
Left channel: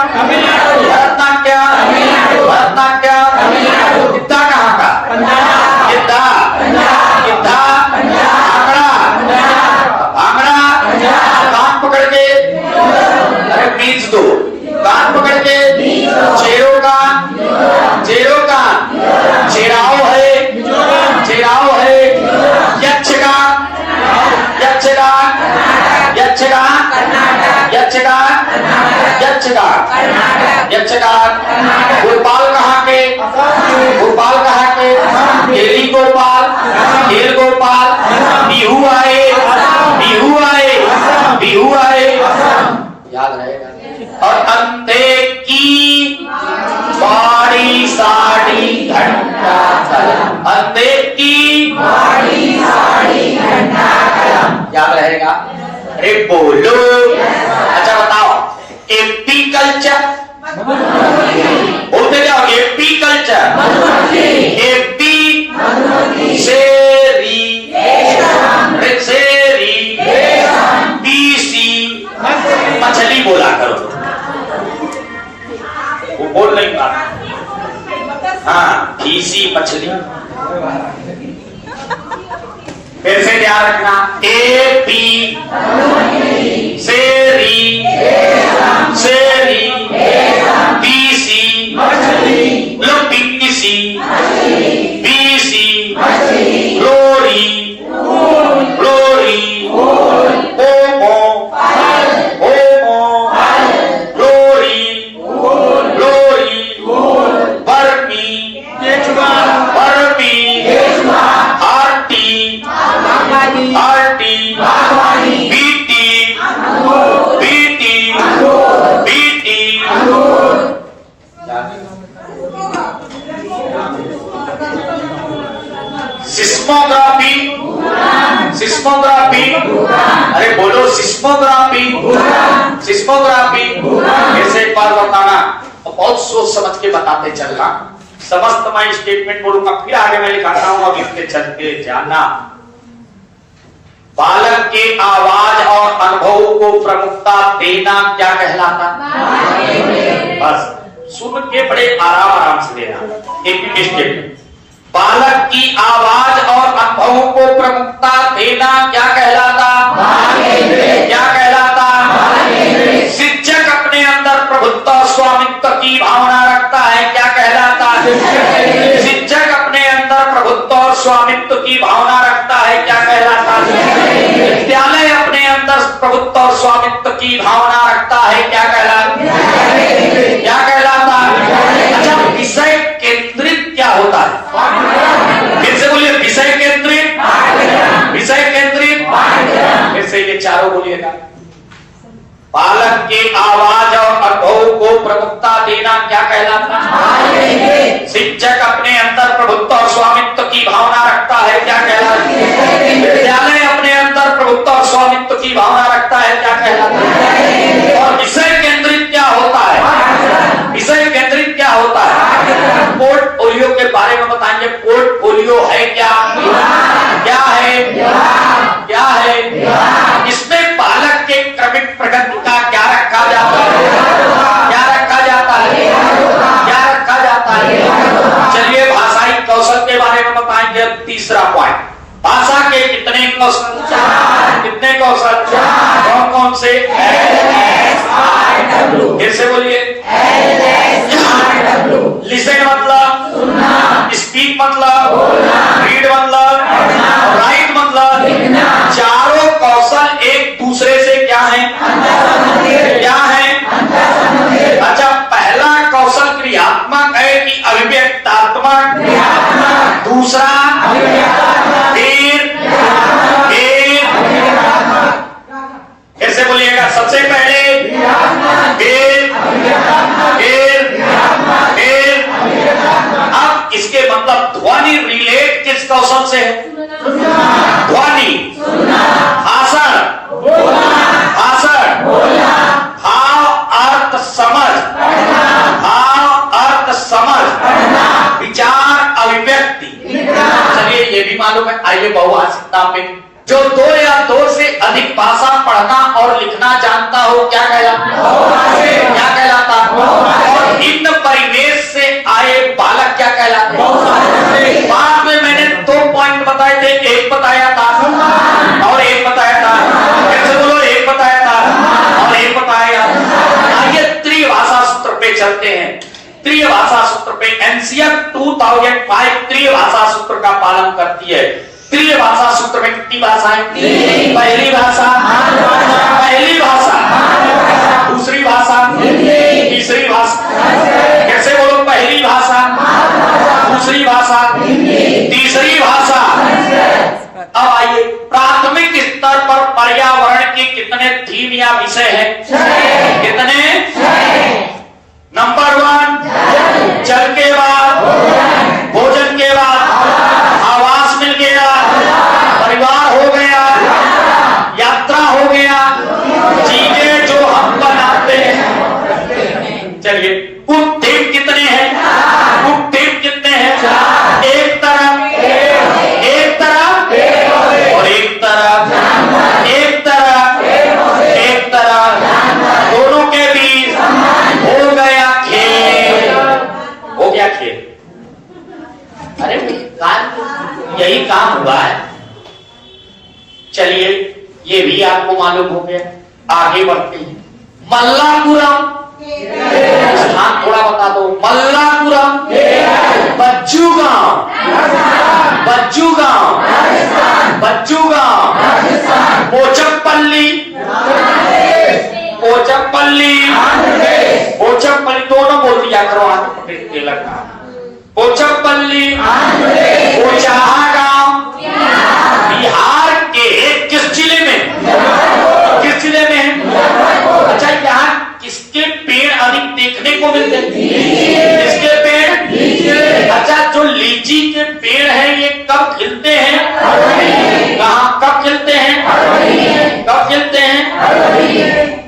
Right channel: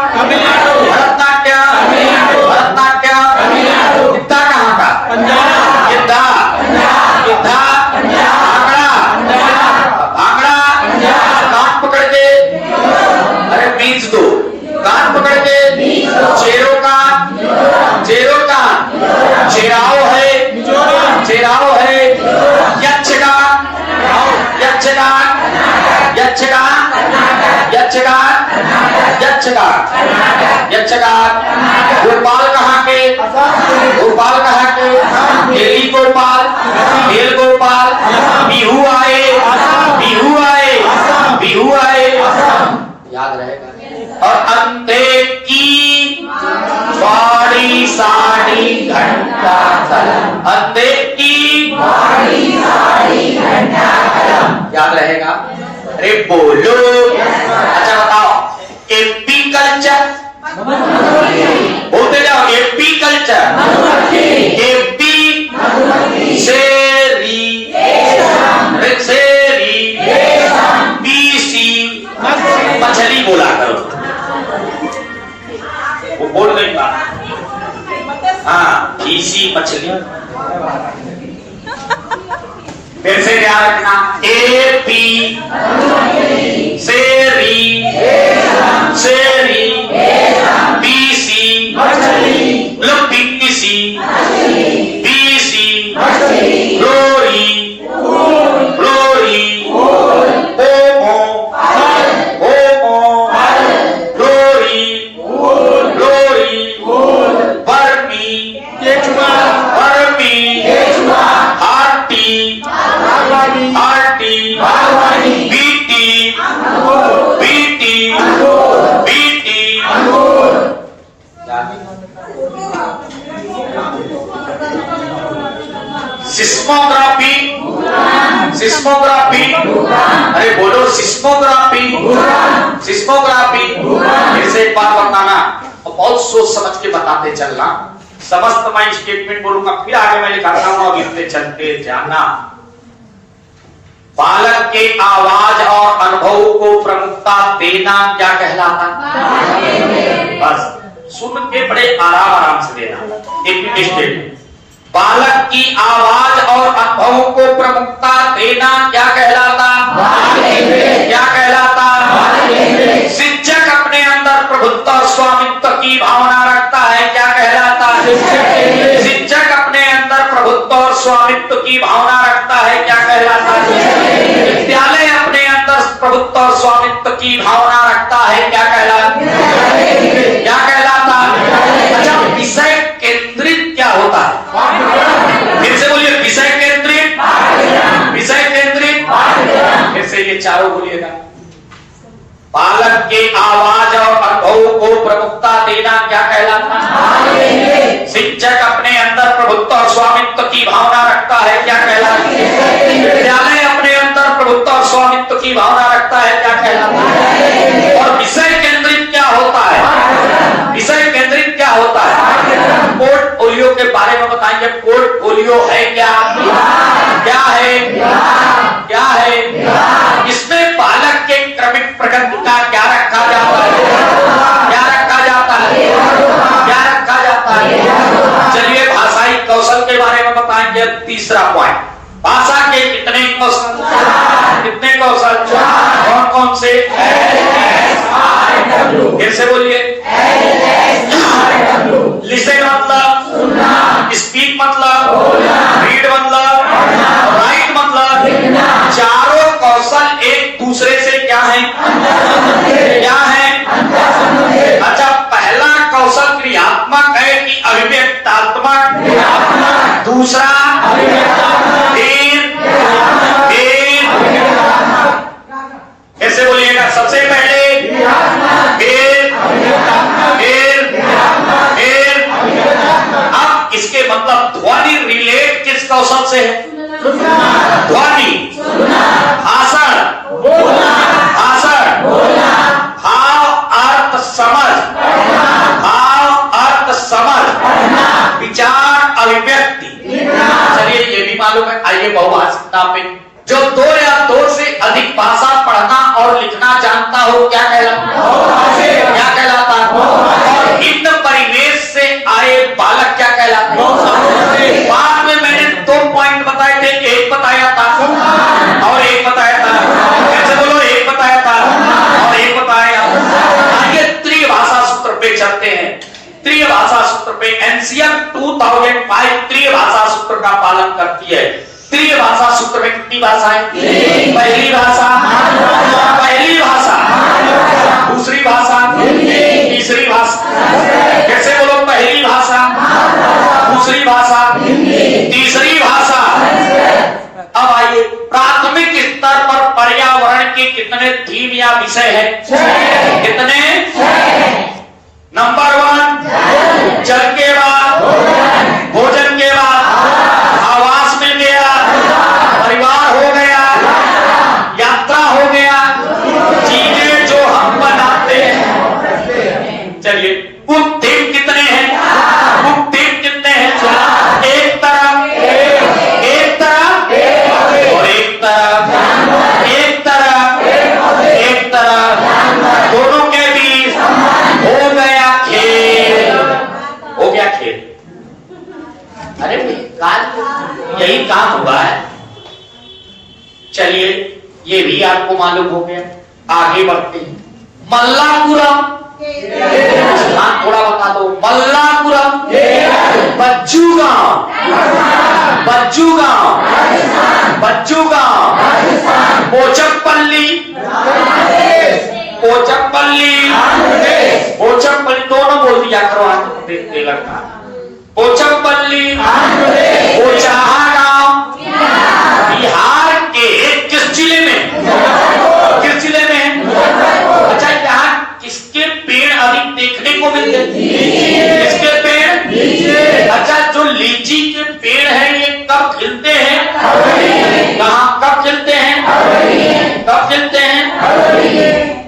भरतनाट्यम, भरतनाट्यम। गिद्धा कहाँ का? गिद्धा, गिद्धा, भांगड़ा, भांगड़ा। कान पकड़ के, अरे बीच दो, कान पकड़ के, चेरो कान, चेरो कान, चेराओ है, चेराओ है, यक्षगान, यक्षगान, यक्षगान, यक्षगान, यक्षगान, यक्षगान। गोपाल कहाँ के? गोपाल कहाँ के? गोपाल, खेल गोपाल, बिहू आए, बिहू आए, बिहू आए, याद रहेगा। और अंधे की बाड़ी साड़ी घंटा कलम, अंधे की बाड़ी साड़ी घंटा कलम, याद रहेगा। अरे बोलो। अच्छा बताओ, एपी कल्चर बोलते जाओ, एपी कल्चर, एपी शेरी, शेरी, बीसी मछली बोला करो, वो बोल नहीं पा। हाँ, बीसी मछली। फिर से ध्यान रखना, एपी शेरी, शेरी, BC BC, BC glory, glory, ओमो, ओमो, ग्लोरी, ग्लोरी, बर्मी, बर्मी, RT, RT, BT, BT, BT, seismography, seismography, अरे बोलो सिस्मोग्राफी, सिस्मोग्राफी। ऐसे एक बार बताना, बहुत सोच समझ के बताते चलना। समस्त मैं स्टेटमेंट बोलूंगा, फिर आगे मैं लिखा और लिखते चलते जाना। बालक के आवाज और अनुभव को प्रमुखता देना क्या कहलाता? बस सुन के बड़े आराम से देना। एक स्टेटमेंट, बालक की आवाज और अनुभवों को प्रमुखता देना क्या कहलाता? क्या कहलाता? शिक्षक अपने अंदर प्रभुत्व स्वामित्व की भावना रखता है, क्या कहलाता? शिक्षक अपने अंदर प्रभुत्व और स्वामित्व की भावना रखता है, क्या कहलाता? विद्यालय अपने अंदर प्रभुत्व और स्वामित्व की भावना रखता है, क्या कहलाता? क्या कहलाता? अच्छा, विषय केंद्रित क्या होता है? फिर से बोलिए, विषय केंद्रित, विषय केंद्रित। फिर से ये चारों बोलिएगा। बालक के आवाज और अनुभव को प्रमुखता देना क्या कहलाता? शिक्षक अपने अंदर प्रभुत्व और स्वामित्व की भावना रखता है, क्या कहलाता? विद्यालय अपने अंदर प्रभुत्व और स्वामित्व की भावना रखता है, क्या कहलाता? और विषय केंद्रित क्या होता है? विषय केंद्रित क्या होता है? पोर्टफोलियो के बारे में बताएंगे। पोर्टफोलियो है क्या? क्या है? क्या है? इसमें बालक के क्रमिक प्रगति का क्या रखा जाता है? क्या रखा जाता है? क्या रखा जाता है? चलिए भाषाई कौशल के बारे में बताएंगे। तीसरा पॉइंट, भाषा के कितने कौशल? कितने कौशल? कौन कौन से? फिर से बोलिए। लिसन मतलब, स्पीक मतलब, रीड मतलब, राइट मतलब, चारों कौशल एक दूसरे से क्या है? क्या है? अच्छा, पहला कौशल क्रियात्मक है कि अभिव्यक्तात्मक? दूसरा ऐसे बोलिएगा, सबसे पहले अब इसके मतलब ध्वनि रिलेट किस कौशल से है? ध्वनि, आसन, आसन, भाव अर्थ समझ, भाव अर्थ समझ, विचार अभिव्यक्ति। चलिए ये भी मालूम है। आइए बहुभाषिकता पे, जो दो या दो से अधिक भाषा पढ़ना और लिखना जानता हो, क्या कहलाता? क्या कहलाता? और भिन्न परिवेश से आए बालक क्या कहलाते? बाद में मैंने 2 पॉइंट बताए थे, एक बताया था और एक बताया था। कैसे बोलो? एक बताया था और एक बताया। आगे त्रिय भाषा सूत्र पे चलते हैं। त्रिय भाषा सूत्र पे एनसीआर 2005 त्रिय भाषा सूत्र का पालन करती है। त्रिय भाषा सूत्र में कितनी भाषाएं? पहली भाषा, पहली भाषा, दूसरी भाषा, तीसरी भाषा। कैसे बोलो? पहली भाषा, दूसरी भाषा, तीसरी भाषा। पर पर्यावरण के कितने थीम या विषय है? कितने? नंबर 1 जल के बाद, भोजन के बाद, आवास मिल गया, परिवार हो गया, यात्रा हो गया, चीजें जो हम बनाते हैं। चलिए कुल थीम कितने हैं? कुल थीम कितने हैं? एक तरफ, एक तरफ और एक तरफ, एक तरफ, एक तरफ, दोनों के बीच हो गया खेल, हो गया खेल। अरे यही काम हुआ है। चलिए ये भी आपको मालूम हो गया। आगे बढ़ते हैं। मल्लापुरम स्थान थोड़ा बता दो। मल्लापुरम, बच्चू गांव, बच्चू गांव, बच्चू गांव, पोचमपल्ली, पोचमपल्ली, पोचमपल्ली दोनों बोल दिया करो। लगता पोचमपल्ली, पोचहा गांव, बिहार के किस जिले में? किस जिले में? अच्छा यहाँ किसके पेड़ अधिक देखने को मिलते हैं? किसके पेड़? अच्छा जो लीची के पेड़ हैं ये कब खिलते हैं? कहाँ कब खिलते हैं? कब खिलते हैं?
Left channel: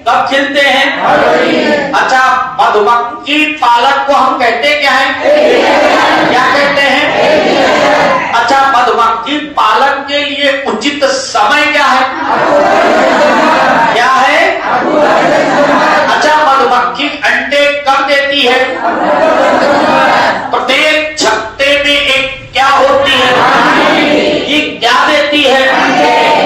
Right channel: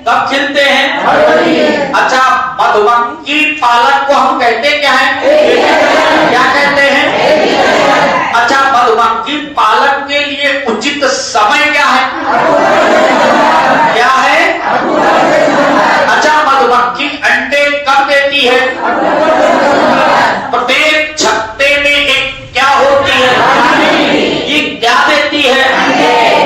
कब खिलते हैं? अच्छा मधुमक्खी पालक को हम कहते क्या है? क्या कहते हैं? अच्छा मधुमक्खी पालक के लिए उचित समय क्या है? क्या है? अच्छा मधुमक्खी अंडे कब देती है? प्रत्येक छत्ते में एक क्या होती है? ये क्या देती है?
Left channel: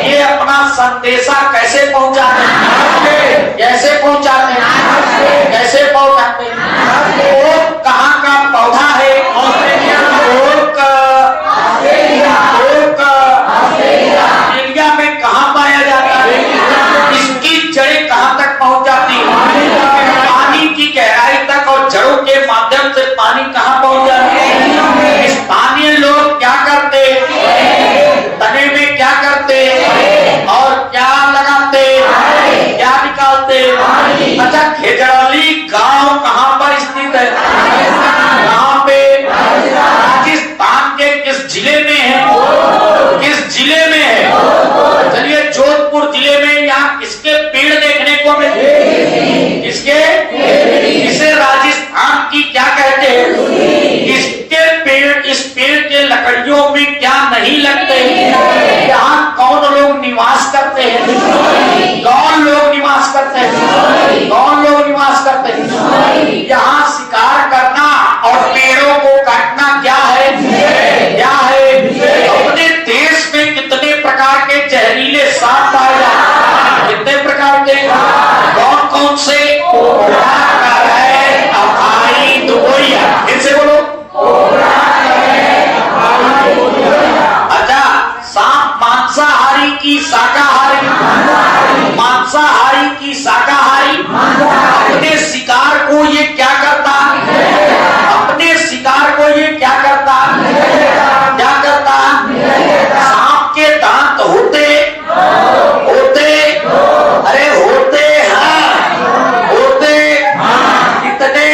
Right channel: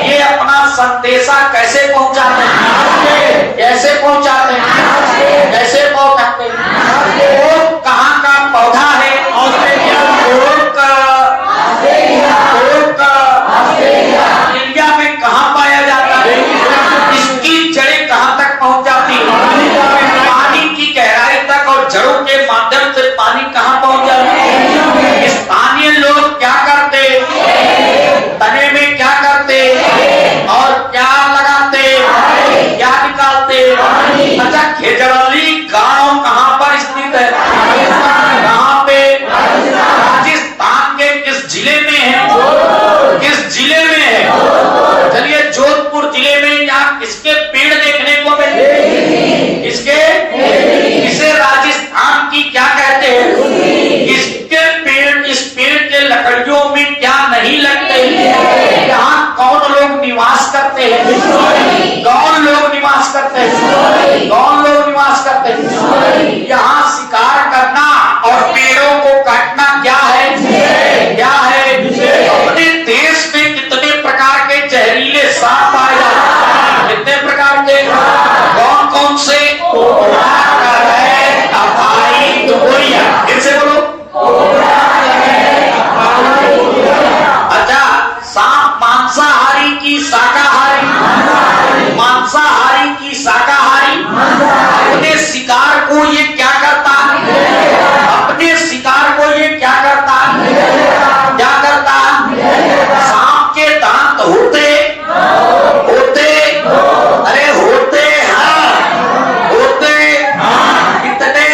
ये अपना संदेशा कैसे पहुंचाते हैं? कैसे पहुंचाते हैं? कैसे पहुंचाते हैं? ओक कहाँ का पौधा है? ओक इंडिया में कहाँ पाया जाता है? इसकी जड़ें कहाँ तक पहुंच जाती है? पानी की गहराई तक और जड़ों के माध्यम से पानी कहाँ पहुंच जाता है? स्थानीय लोग क्या करते? तने में क्या करते और क्या लगाते? क्या निकालते? अच्छा खेजड़ली गांव कहाँ पर स्थित है? कहाँ पे? राजस्थान के किस जिले में है? किस जिले में है? चलिए जोधपुर जिले में यहाँ किसके पेड़ देखने को मिलते? किसके? इसे राजस्थान की क्या कहते हैं? इसके पेड़, इस पेड़ के लकड़ियों में क्या नहीं लगते? यहाँ कौन लोग निवास करते हैं? कौन लोग निवास करते हैं? कौन लोग निवास करते हैं? यहाँ शिकार करना और पेड़ों को काटना क्या है? क्या है? अपने देश में कितने प्रकार के जहरीले सांप पाए जाते हैं? कितने प्रकार के? कौन कौन से? फिर से बोलो। अच्छा सांप मांसाहारी की शाकाहारी? मांसाहारी की शाकाहारी? अपने शिकार को ये क्या करता? अपने शिकार को ये क्या करता? क्या करता? सांप के दांत होते? होते? अरे होते हैं, होते कितने?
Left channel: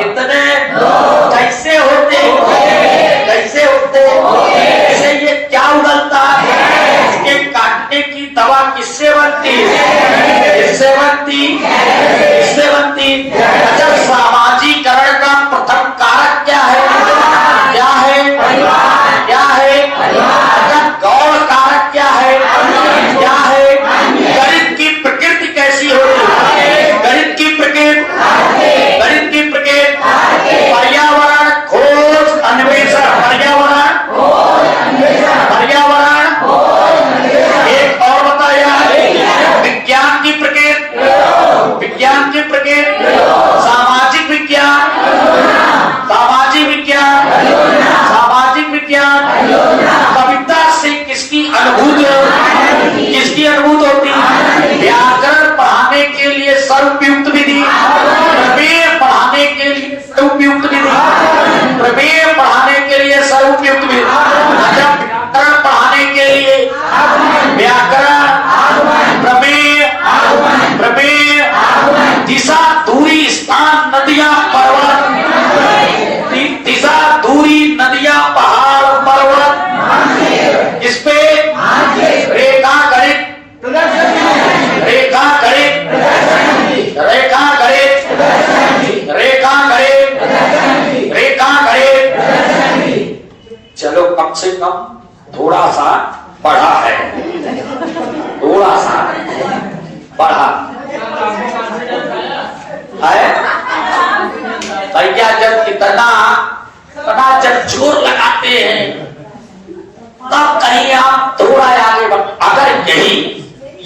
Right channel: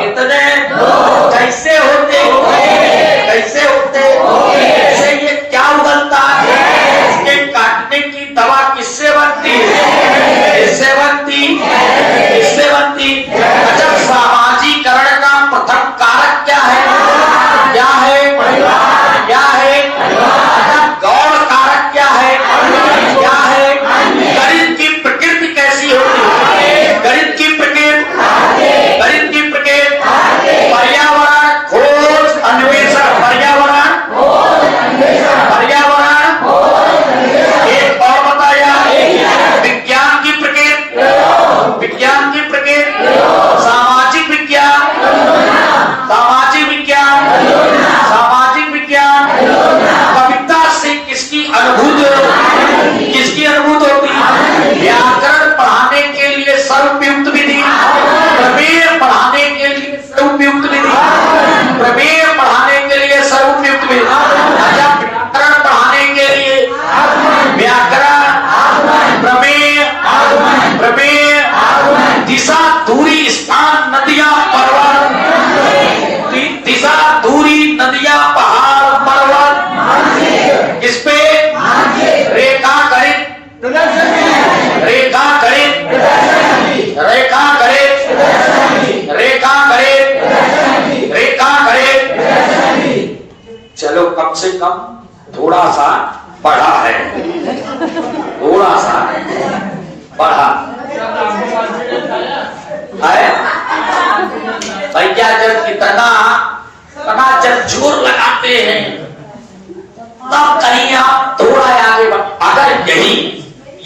कितने? कैसे होते? कैसे होते? ऐसे ये क्या उगलता है? इसके काटने की दवा किससे बनती? किससे बनती? किससे बनती? अच्छा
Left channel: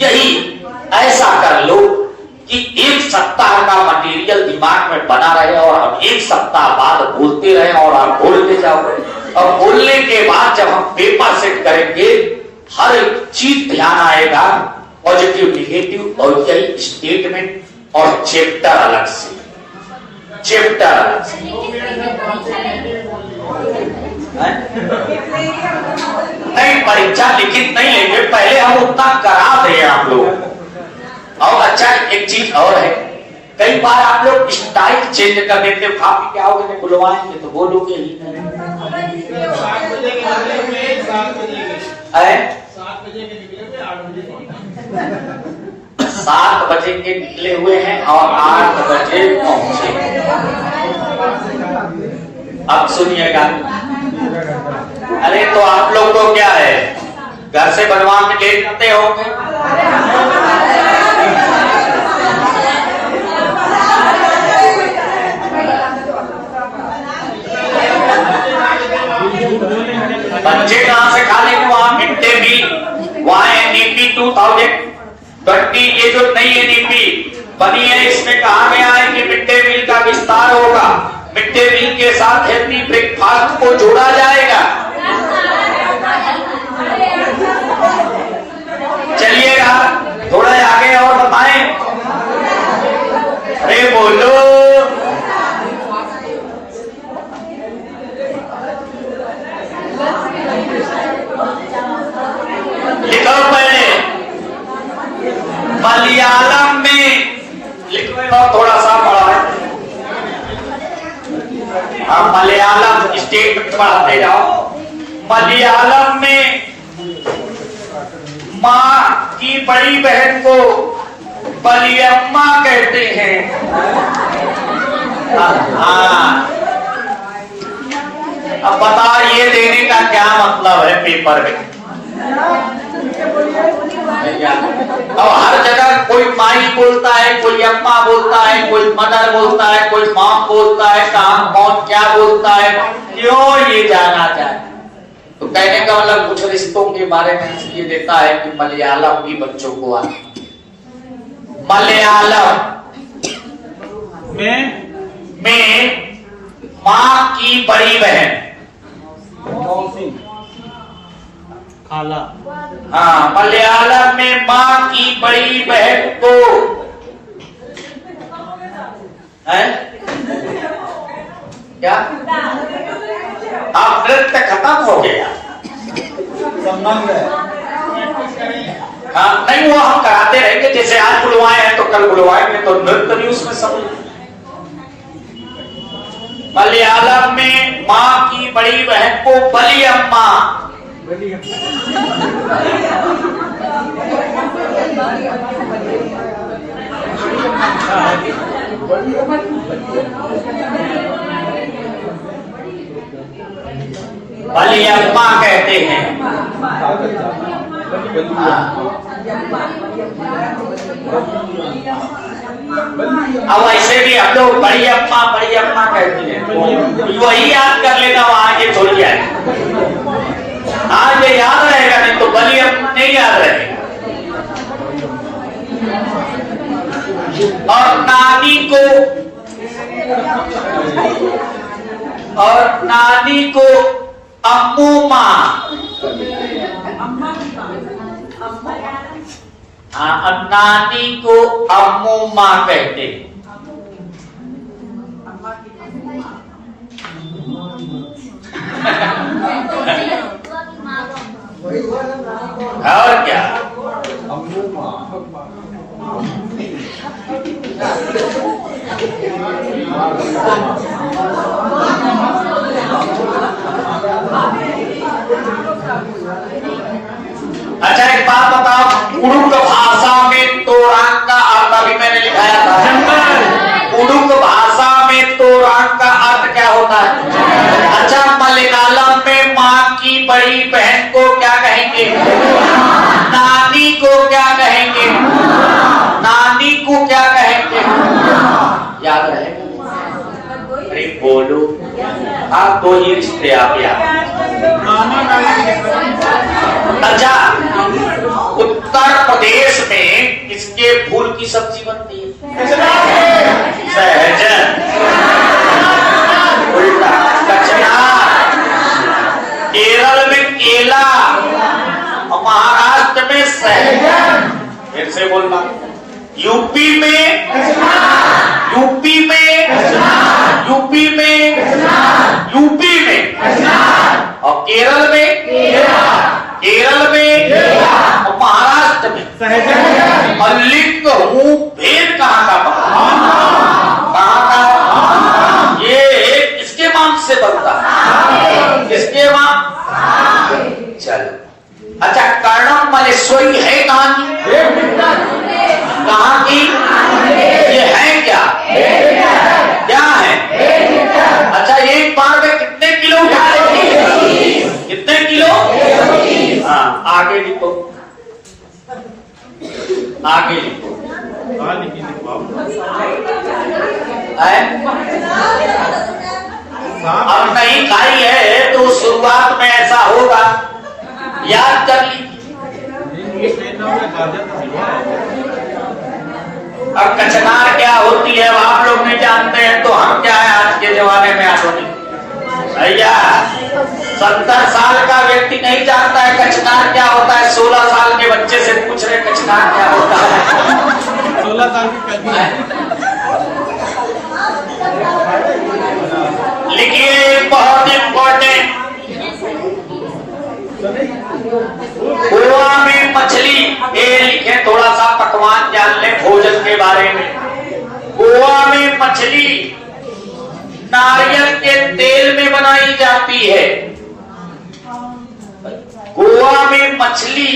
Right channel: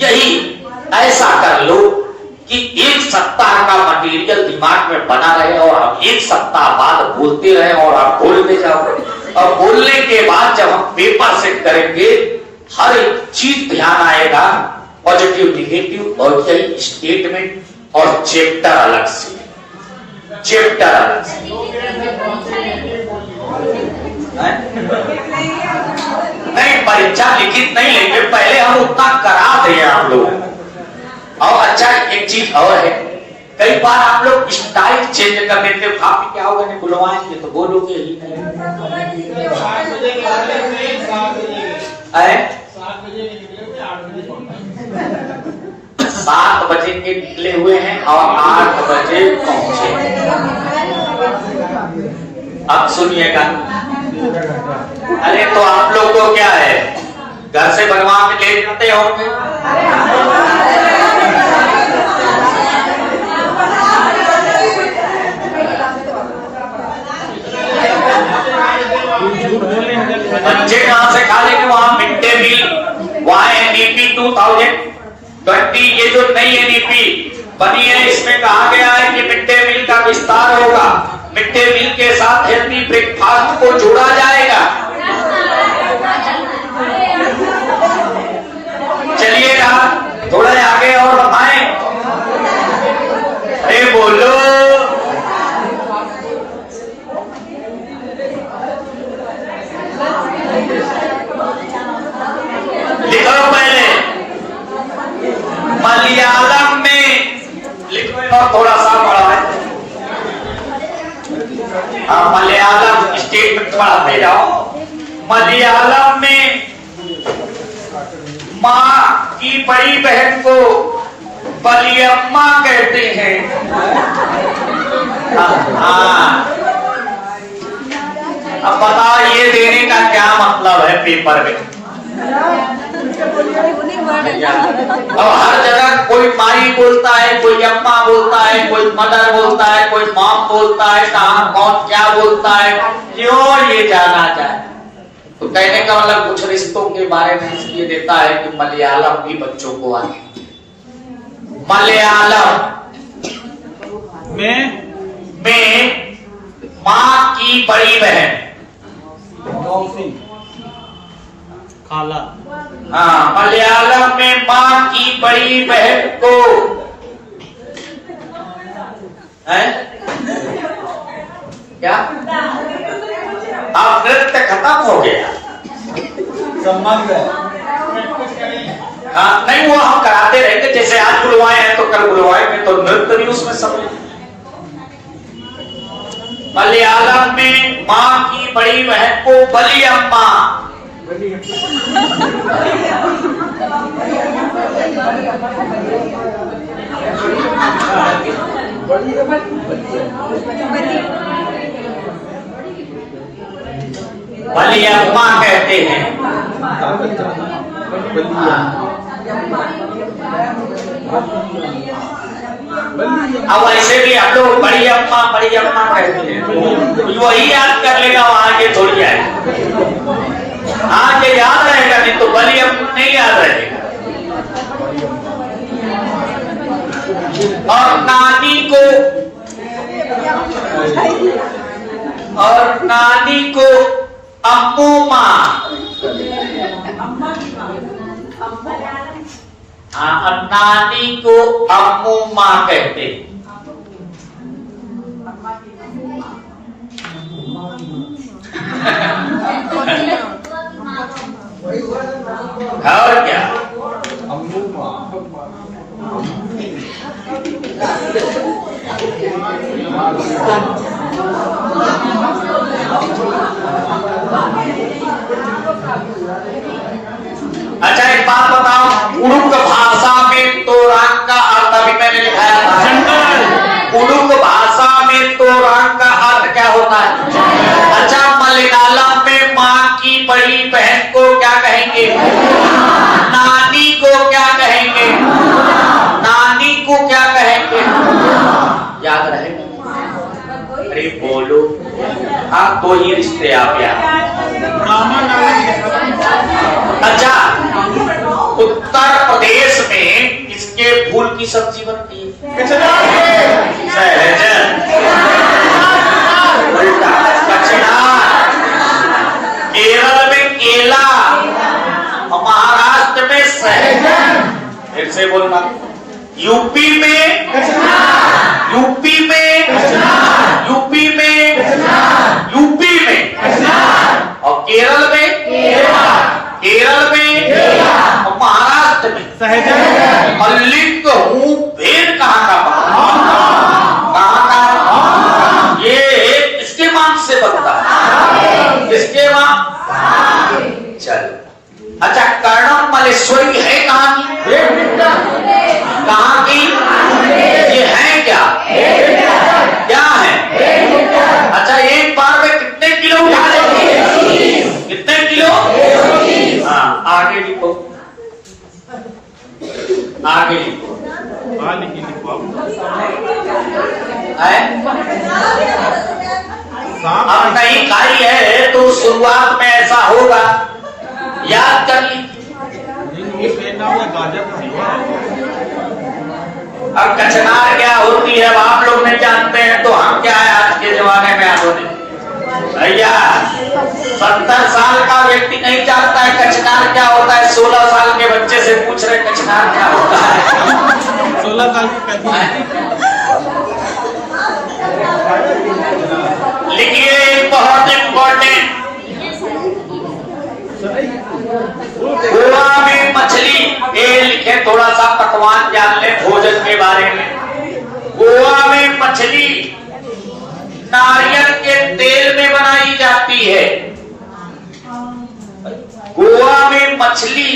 यही ऐसा कर लो कि एक सप्ताह का मटेरियल दिमाग में बना रहे और हम एक सप्ताह बाद बोलते रहे और आप बोलते जाओ, और बोलने के बाद जब हम पेपर सेट करेंगे हर एक चीज ध्यान आएगा, पॉजिटिव निगेटिव, और कई स्टेटमेंट और चैप्टर अलग से, चैप्टर अलग से। नहीं, परीक्षा लिखित नहीं लेंगे, पहले हम उतना करा दें आप लोग। और अच्छा एक चीज और है, कई बार आप लोग स्टाइल चेंज कर देते हो, खा पी के आओगे नहीं बुलवाएंगे तो बोलोगे ही नहीं। 7 बजे के निकले, 7 बजे के निकले हुए हैं और 8 बजे पहुंचे। अब सुनिएगा, अरे तो आप लोग को क्या है, घर से बनवा के ले जाते होंगे, बच्चे कहां से खा लेंगे, वहां मिड डे मील, वहां एनईपी 2020 ये जो नई एनईपी बनी है, इसमें कहा गया है कि मिड डे मील का विस्तार होगा, मिड डे मील के साथ हेल्दी ब्रेकफास्ट को जोड़ा जाएगा। चलिए थोड़ा आगे और बताएं, अरे बोलो, लिखो पहले मलयालम में, लिखो और थोड़ा सा पढ़ा है, आप मलयालम स्टेटमेंट पढ़ाते जाओ। मलयालम में माँ की बड़ी बहन को बलियम्मा कहते हैं। अब बता ये देने का क्या मतलब है पेपर में, और हर जगह कोई माई बोलता है, कोई अम्मा बोलता है, कोई मदर बोलता है, कोई माँ बोलता है, कहाँ कौन क्या बोलता है, क्यों ये जाना जाए। तो कहने का मतलब कुछ रिश्तों के बारे में इसलिए देता है कि मलयालम भी बच्चों को आए। मलयालम में माँ की बड़ी बहन, खाला, हाँ, मलयालम में माँ की बड़ी बहन को है क्या, अब नृत्य खत्म हो गया, संबंध है। हाँ, नहीं वो हम कराते रहेंगे, जैसे आज बुलवाए हैं तो कल बुलवाएंगे, तो नृत्य भी उसमें सब। मलयालम में माँ की बड़ी बहन को बलियम्मा, बलियम्मा कहते हैं। अब ऐसे भी हम लोग बड़ी अम्मा कहते हैं, वही याद कर लेना, वहां के थोड़ी आए, हाँ ये याद रहेगा, नहीं तो बली अम्मा नहीं याद रहेगा। और नानी को अम्मू माँ, हाँ, नानी को अम्मू माँ कहते। और क्या, अच्छा एक बात बताओ, उड़ुक भाषा में तोरांग का अर्थ अभी मैंने लिखाया था, उड़ुक भाषा में तोरांग का अर्थ क्या होता है? अच्छा, मलयालम में माँ की बड़ी बहन को क्या कहेंगे? नानी को क्या कहेंगे? नानी को क्या कहेंगे? याद रहेगा? अरे बोलो, हाँ, तो ये रिश्ते आप याद। अच्छा, उत्तर की सब्जी बनती है? उल्टा, कचनार। केरल में केला और महाराष्ट्र में सहजन। फिर से बोलना, यूपी में यूपी में यूपी में यूपी में और केरल में केरल में और महाराष्ट्र में सहजन। और लिंग हूँ भेद कहाँ का? ये किसके मांग से बनता है? किसके मांग? चल, अच्छा, कर्णम मलेश्वरी है कहाँ की? कहाँ की? ये है क्या? क्या है? अच्छा, एक बार में कितने किलो उठा लेती है? कितने किलो? हाँ, आगे लिखो, आगे लिखो। अब नहीं खाई है तो शुरुआत में ऐसा होगा, याद कर लीजिए। अब कचनार क्या होती है आप लोग नहीं जानते हैं, तो हम क्या है आज के जमाने में आप भैया 70 साल का व्यक्ति नहीं जानता है कचनार क्या होता है। 16 साल के बच्चे से पूछ रहे कचनार क्या होता है। 16 साल की। लिखिए, बहुत इंपॉर्टेंट, गोवा में मछली, ये लिखे, थोड़ा सा पकवान जान ले भोजन के बारे में। गोवा में मछली नारियल के तेल में बनाई जाती है। गोवा में मछली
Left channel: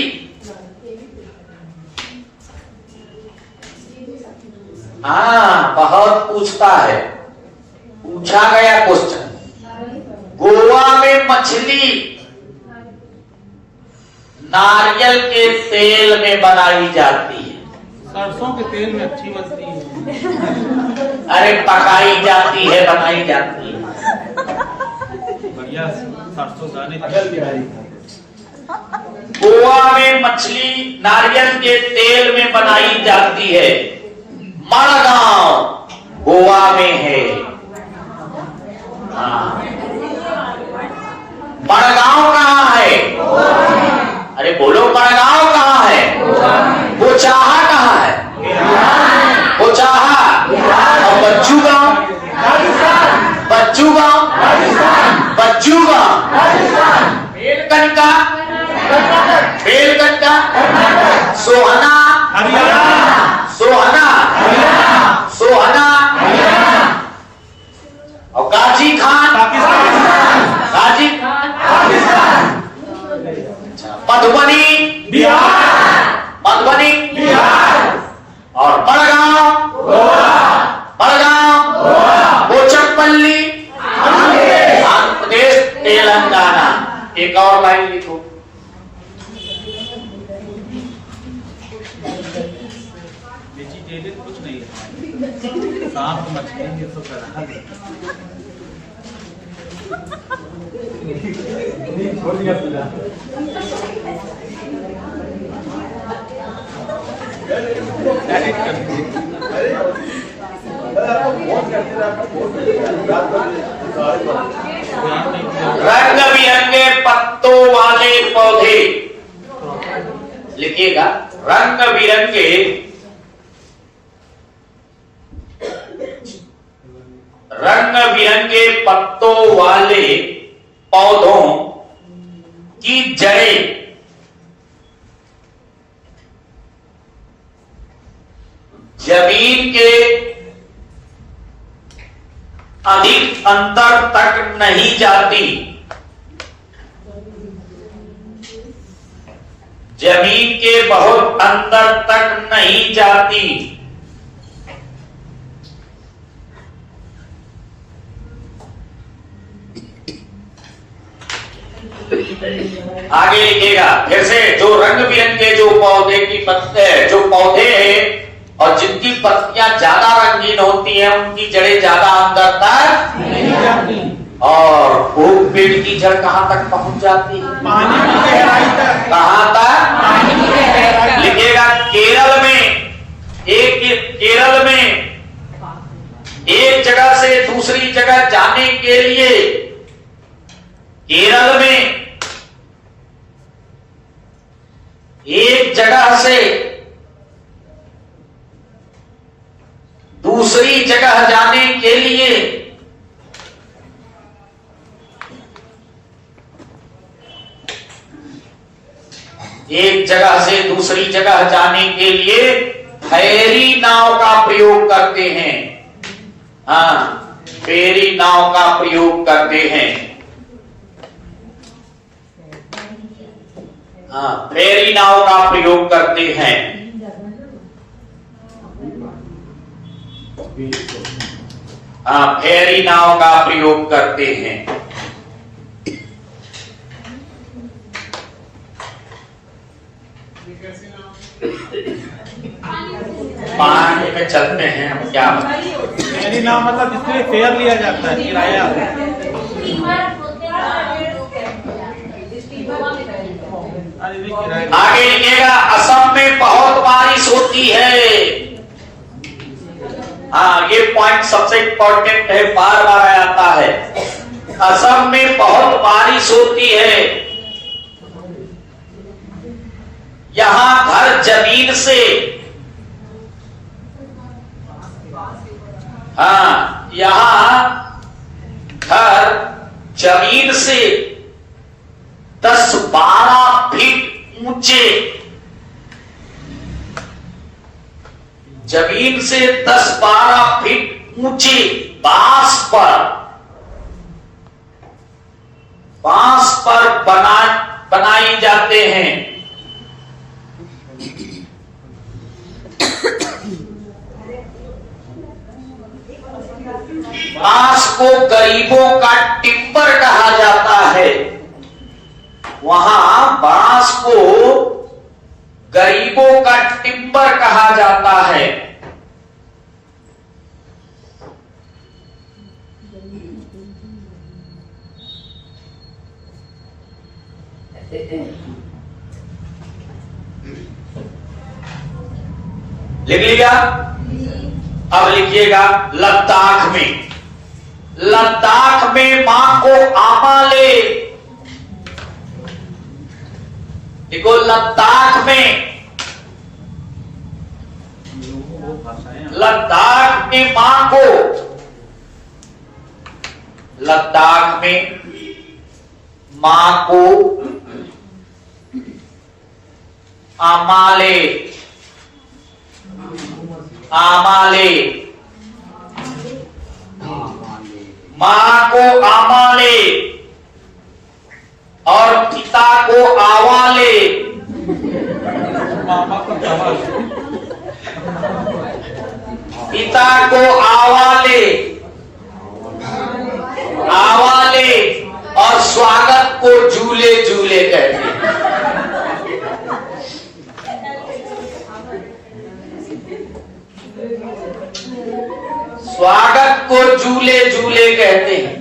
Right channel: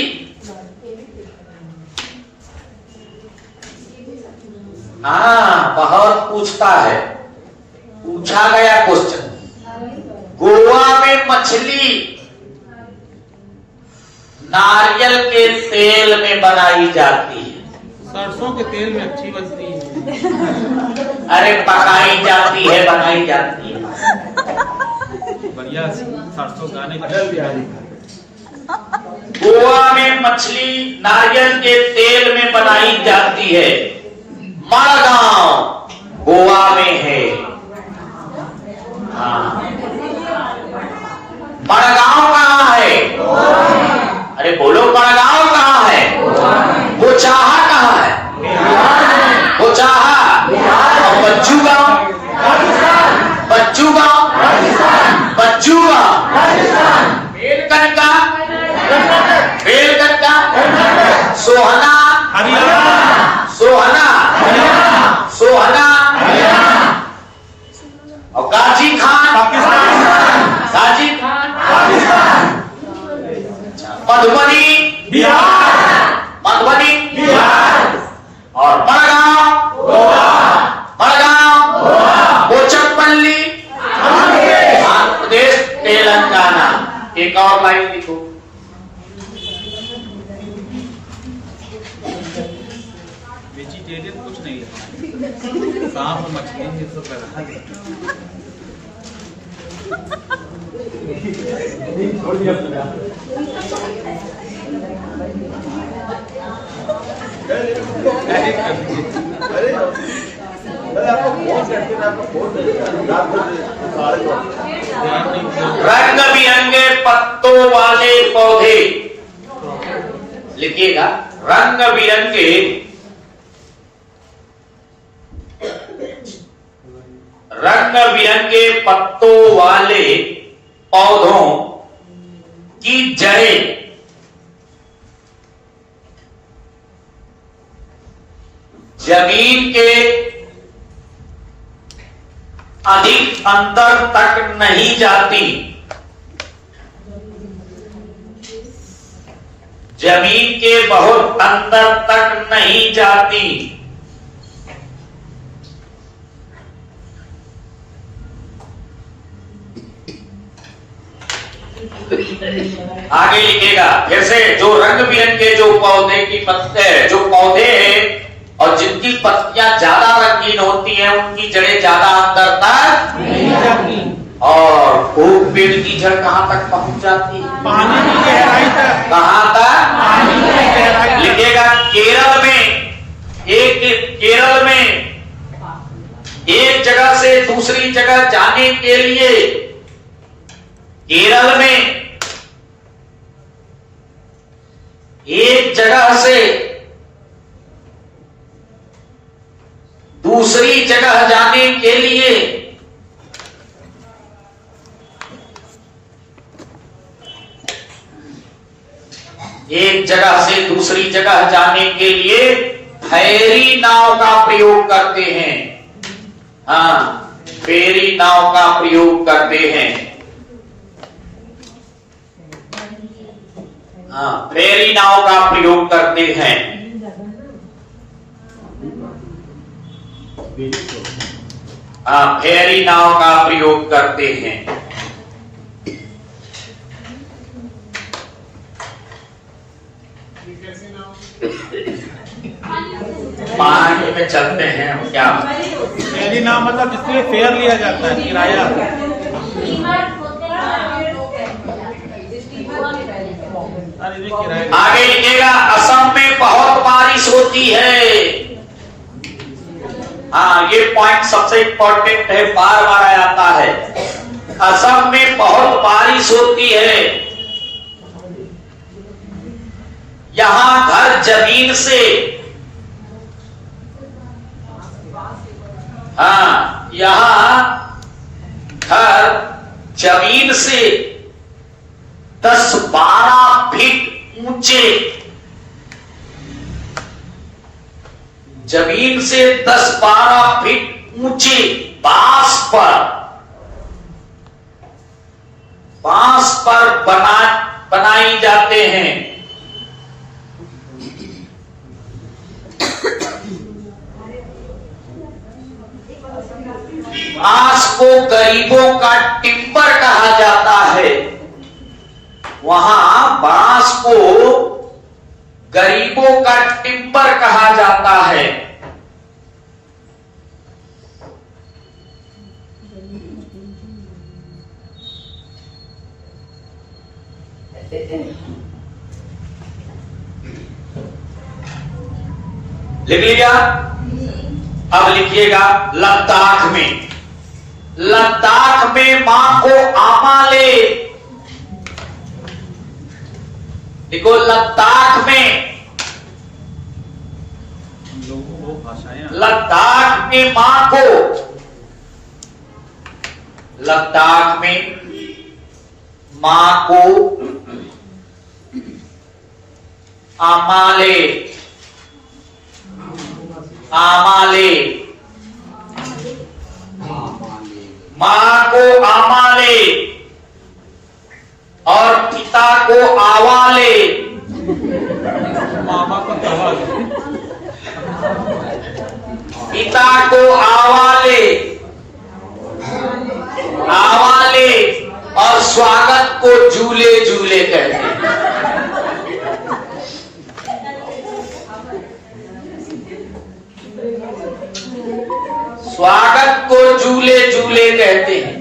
हाँ, बहुत पूछता है, पूछा गया क्वेश्चन। गोवा में मछली नारियल के तेल में बनाई जाती है। सरसों के तेल में अच्छी बनती है। अरे पकाई जाती है, बनाई जाती है। बढ़िया सरसों गाने गोवा में मछली नारियल के तेल में बनाई जाती है। मड़गांव गोवा में है। मड़गांव कहाँ है? अरे बोलो, मड़गांव कहाँ है? बोचाहा कहाँ है? बोचाहा। और बच्चू गांव? बच्चू गांव? बच्चू गांव? बेलकनका? बेलकनका? सोहना? सोहना? सोहना? और गाजी खान? गाजी खान? मधुबनी? बिहार। मधुबनी? बिहार। और मड़गांव? मड़गांव? बोचमपल्ली? आंध्र प्रदेश, तेलंगाना। एक और लाइन लिखो। वेजिटेरियन कुछ नहीं है, सांप मछली ये सब रखा रंग बिरंगे पत्तों वाले पौधे, लिखिएगा, रंग बिरंगे पत्तों वाले पौधों की जड़ें जमीन के अधिक अंदर तक नहीं जाती। जमीन के बहुत अंदर तक नहीं जाती। आगे लिखेगा फिर से, जो रंग बिरंगे जो पौधे की पत्ते, जो पौधे हैं और जिनकी पत्तियां ज्यादा रंगीन होती हैं, उनकी जड़ें ज्यादा अंदर तक नहीं जाती। और खूब पेड़ की जड़ कहां तक पहुंच जाती है? पानी की गहराई तक। कहां तक? पानी की गहराई। लिखेगा, केरल में एक केरल में एक जगह से दूसरी जगह जाने के लिए केरल में एक जगह से दूसरी जगह जाने के लिए एक जगह से दूसरी जगह जाने के लिए फेरी नाव का प्रयोग करते हैं। हाँ, फेरी नाव का प्रयोग करते हैं। हाँ, फेरी नाव का प्रयोग करते हैं। हाँ, फेरी नाव का प्रयोग करते हैं। पानी में चलते हैं हम क्या? फेरी नाव मतलब जिसमें फेयर लिया जाता है, किराया। आगे लिखिएगा, असम में बहुत बारिश होती है। हाँ, ये पॉइंट सबसे इंपॉर्टेंट है, बार बार आता है। असम में बहुत बारिश होती है। यहां घर जमीन से, हाँ, यहां घर जमीन से 10-12 फीट ऊंचे, जमीन से 10-12 फीट ऊंचे बांस पर बनाए जाते हैं। बांस को गरीबों का टिम्बर कहा जाता है। वहां बांस को गरीबों का टिम्बर कहा जाता है। लिख लिया? अब लिखिएगा, लद्दाख में मां को आमा ले। देखो, लद्दाख में मां को, लद्दाख में मां को आमा ले, मां को आमा ले और पिता को आवा ले। मामा को पिता को आवा ले और स्वागत को झूले झूले कहते हैं। स्वागत को झूले झूले कहते हैं।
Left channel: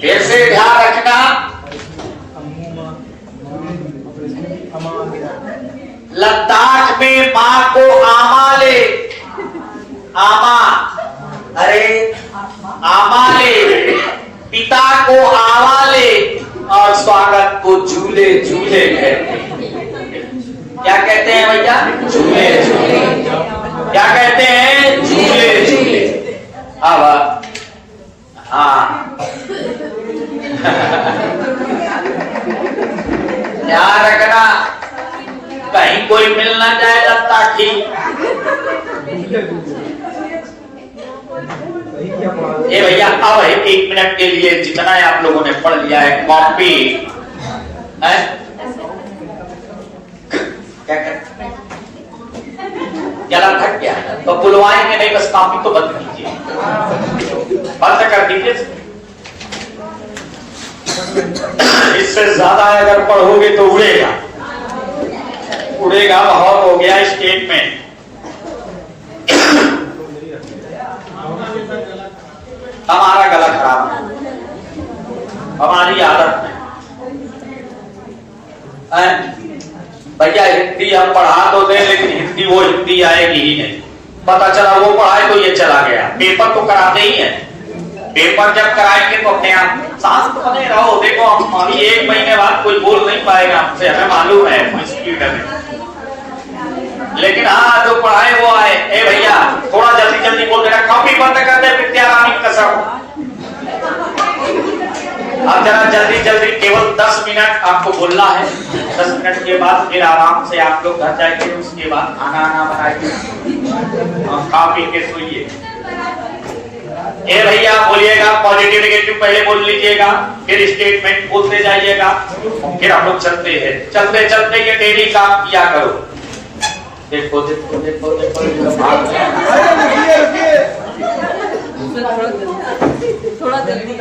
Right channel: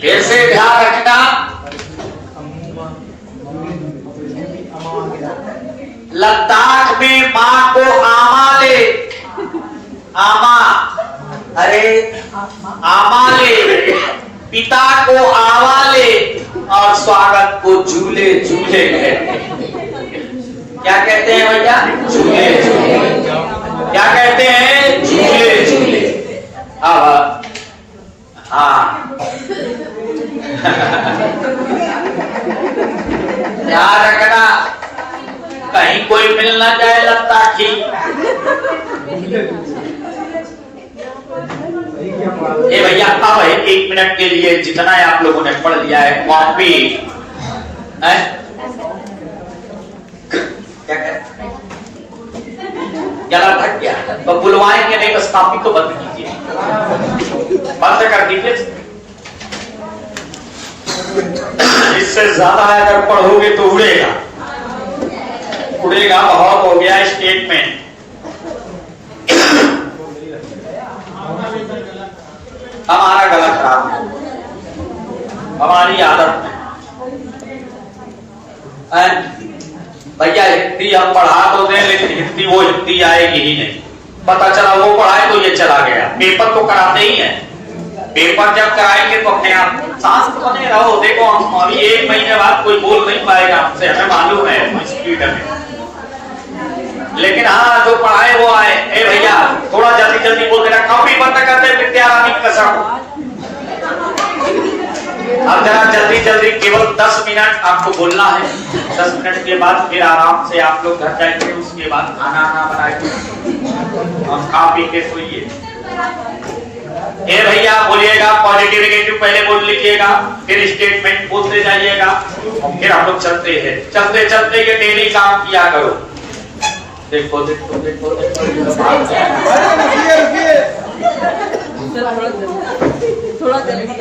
फिर से ध्यान रखना, लद्दाख में मां को आमा ले, आमा ले, पिता को आवा ले और स्वागत को झूले झूले कहते हैं। क्या कहते हैं भैया? झूले झूले। क्या कहते हैं? झूले झूले। अब हाँ, ध्यान रखना, कहीं कोई मिल ना जाए लद्दाखी। ये भैया, अब 1 मिनट के लिए जितना आप लोगों ने पढ़ लिया है, कॉपी है क्या कहते, गला थक गया तो बुलवाएंगे नहीं, बस कॉपी को बंद कीजिए, बंद कर दीजिए। इससे ज्यादा अगर पढ़ोगे तो उड़ेगा, बहुत हो गया स्टेट में। हमारा गला खराब है। हमारी आदत में भैया हिंदी हम पढ़ा तो दें, लेकिन हिंदी वो हिंदी आएगी ही नहीं। पता चला वो पढ़ाए तो ये चला गया। पेपर तो कराते ही है, पेपर जब कराएंगे तो क्या सांस तो बने रहो। देखो हम अभी 1 महीने बाद कोई बोल नहीं पाएगा हमसे, हमें मालूम है स्पीड में, लेकिन हाँ जो पढ़ाए वो आए। ए भैया थोड़ा जल्दी जल्दी बोल देना, कॉपी बंद कर दे विद्यारानी कसम। अब जरा जल्दी जल्दी, केवल 10 मिनट आपको बोलना है। 10 मिनट के बाद फिर आराम से आप लोग घर जाएंगे, उसके बाद खाना बनाएंगे और खा पी के सोइए। ए भैया बोलिएगा, पॉजिटिव नेगेटिव पहले बोल लीजिएगा, फिर स्टेटमेंट बोलते जाइएगा, फिर हम लोग चलते हैं। चलते चलते ये डेली काम किया करो। देखो देखो देखो देखो थोड़ा जल्दी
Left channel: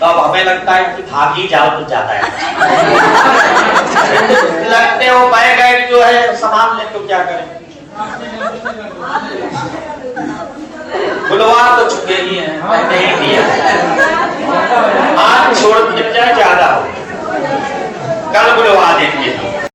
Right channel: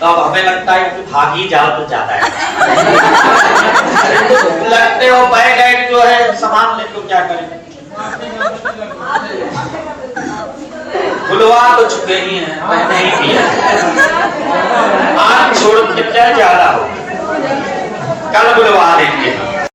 तब हमें लगता है कि भाग ही जाओ तो जाता है। लगते हो बैग एक जो है सामान ले तो क्या करेंगे, बुलवा तो चुके ही हैं, मैंने ही किया। आज छोड़ के क्या ज्यादा, कल बुलवा देंगे।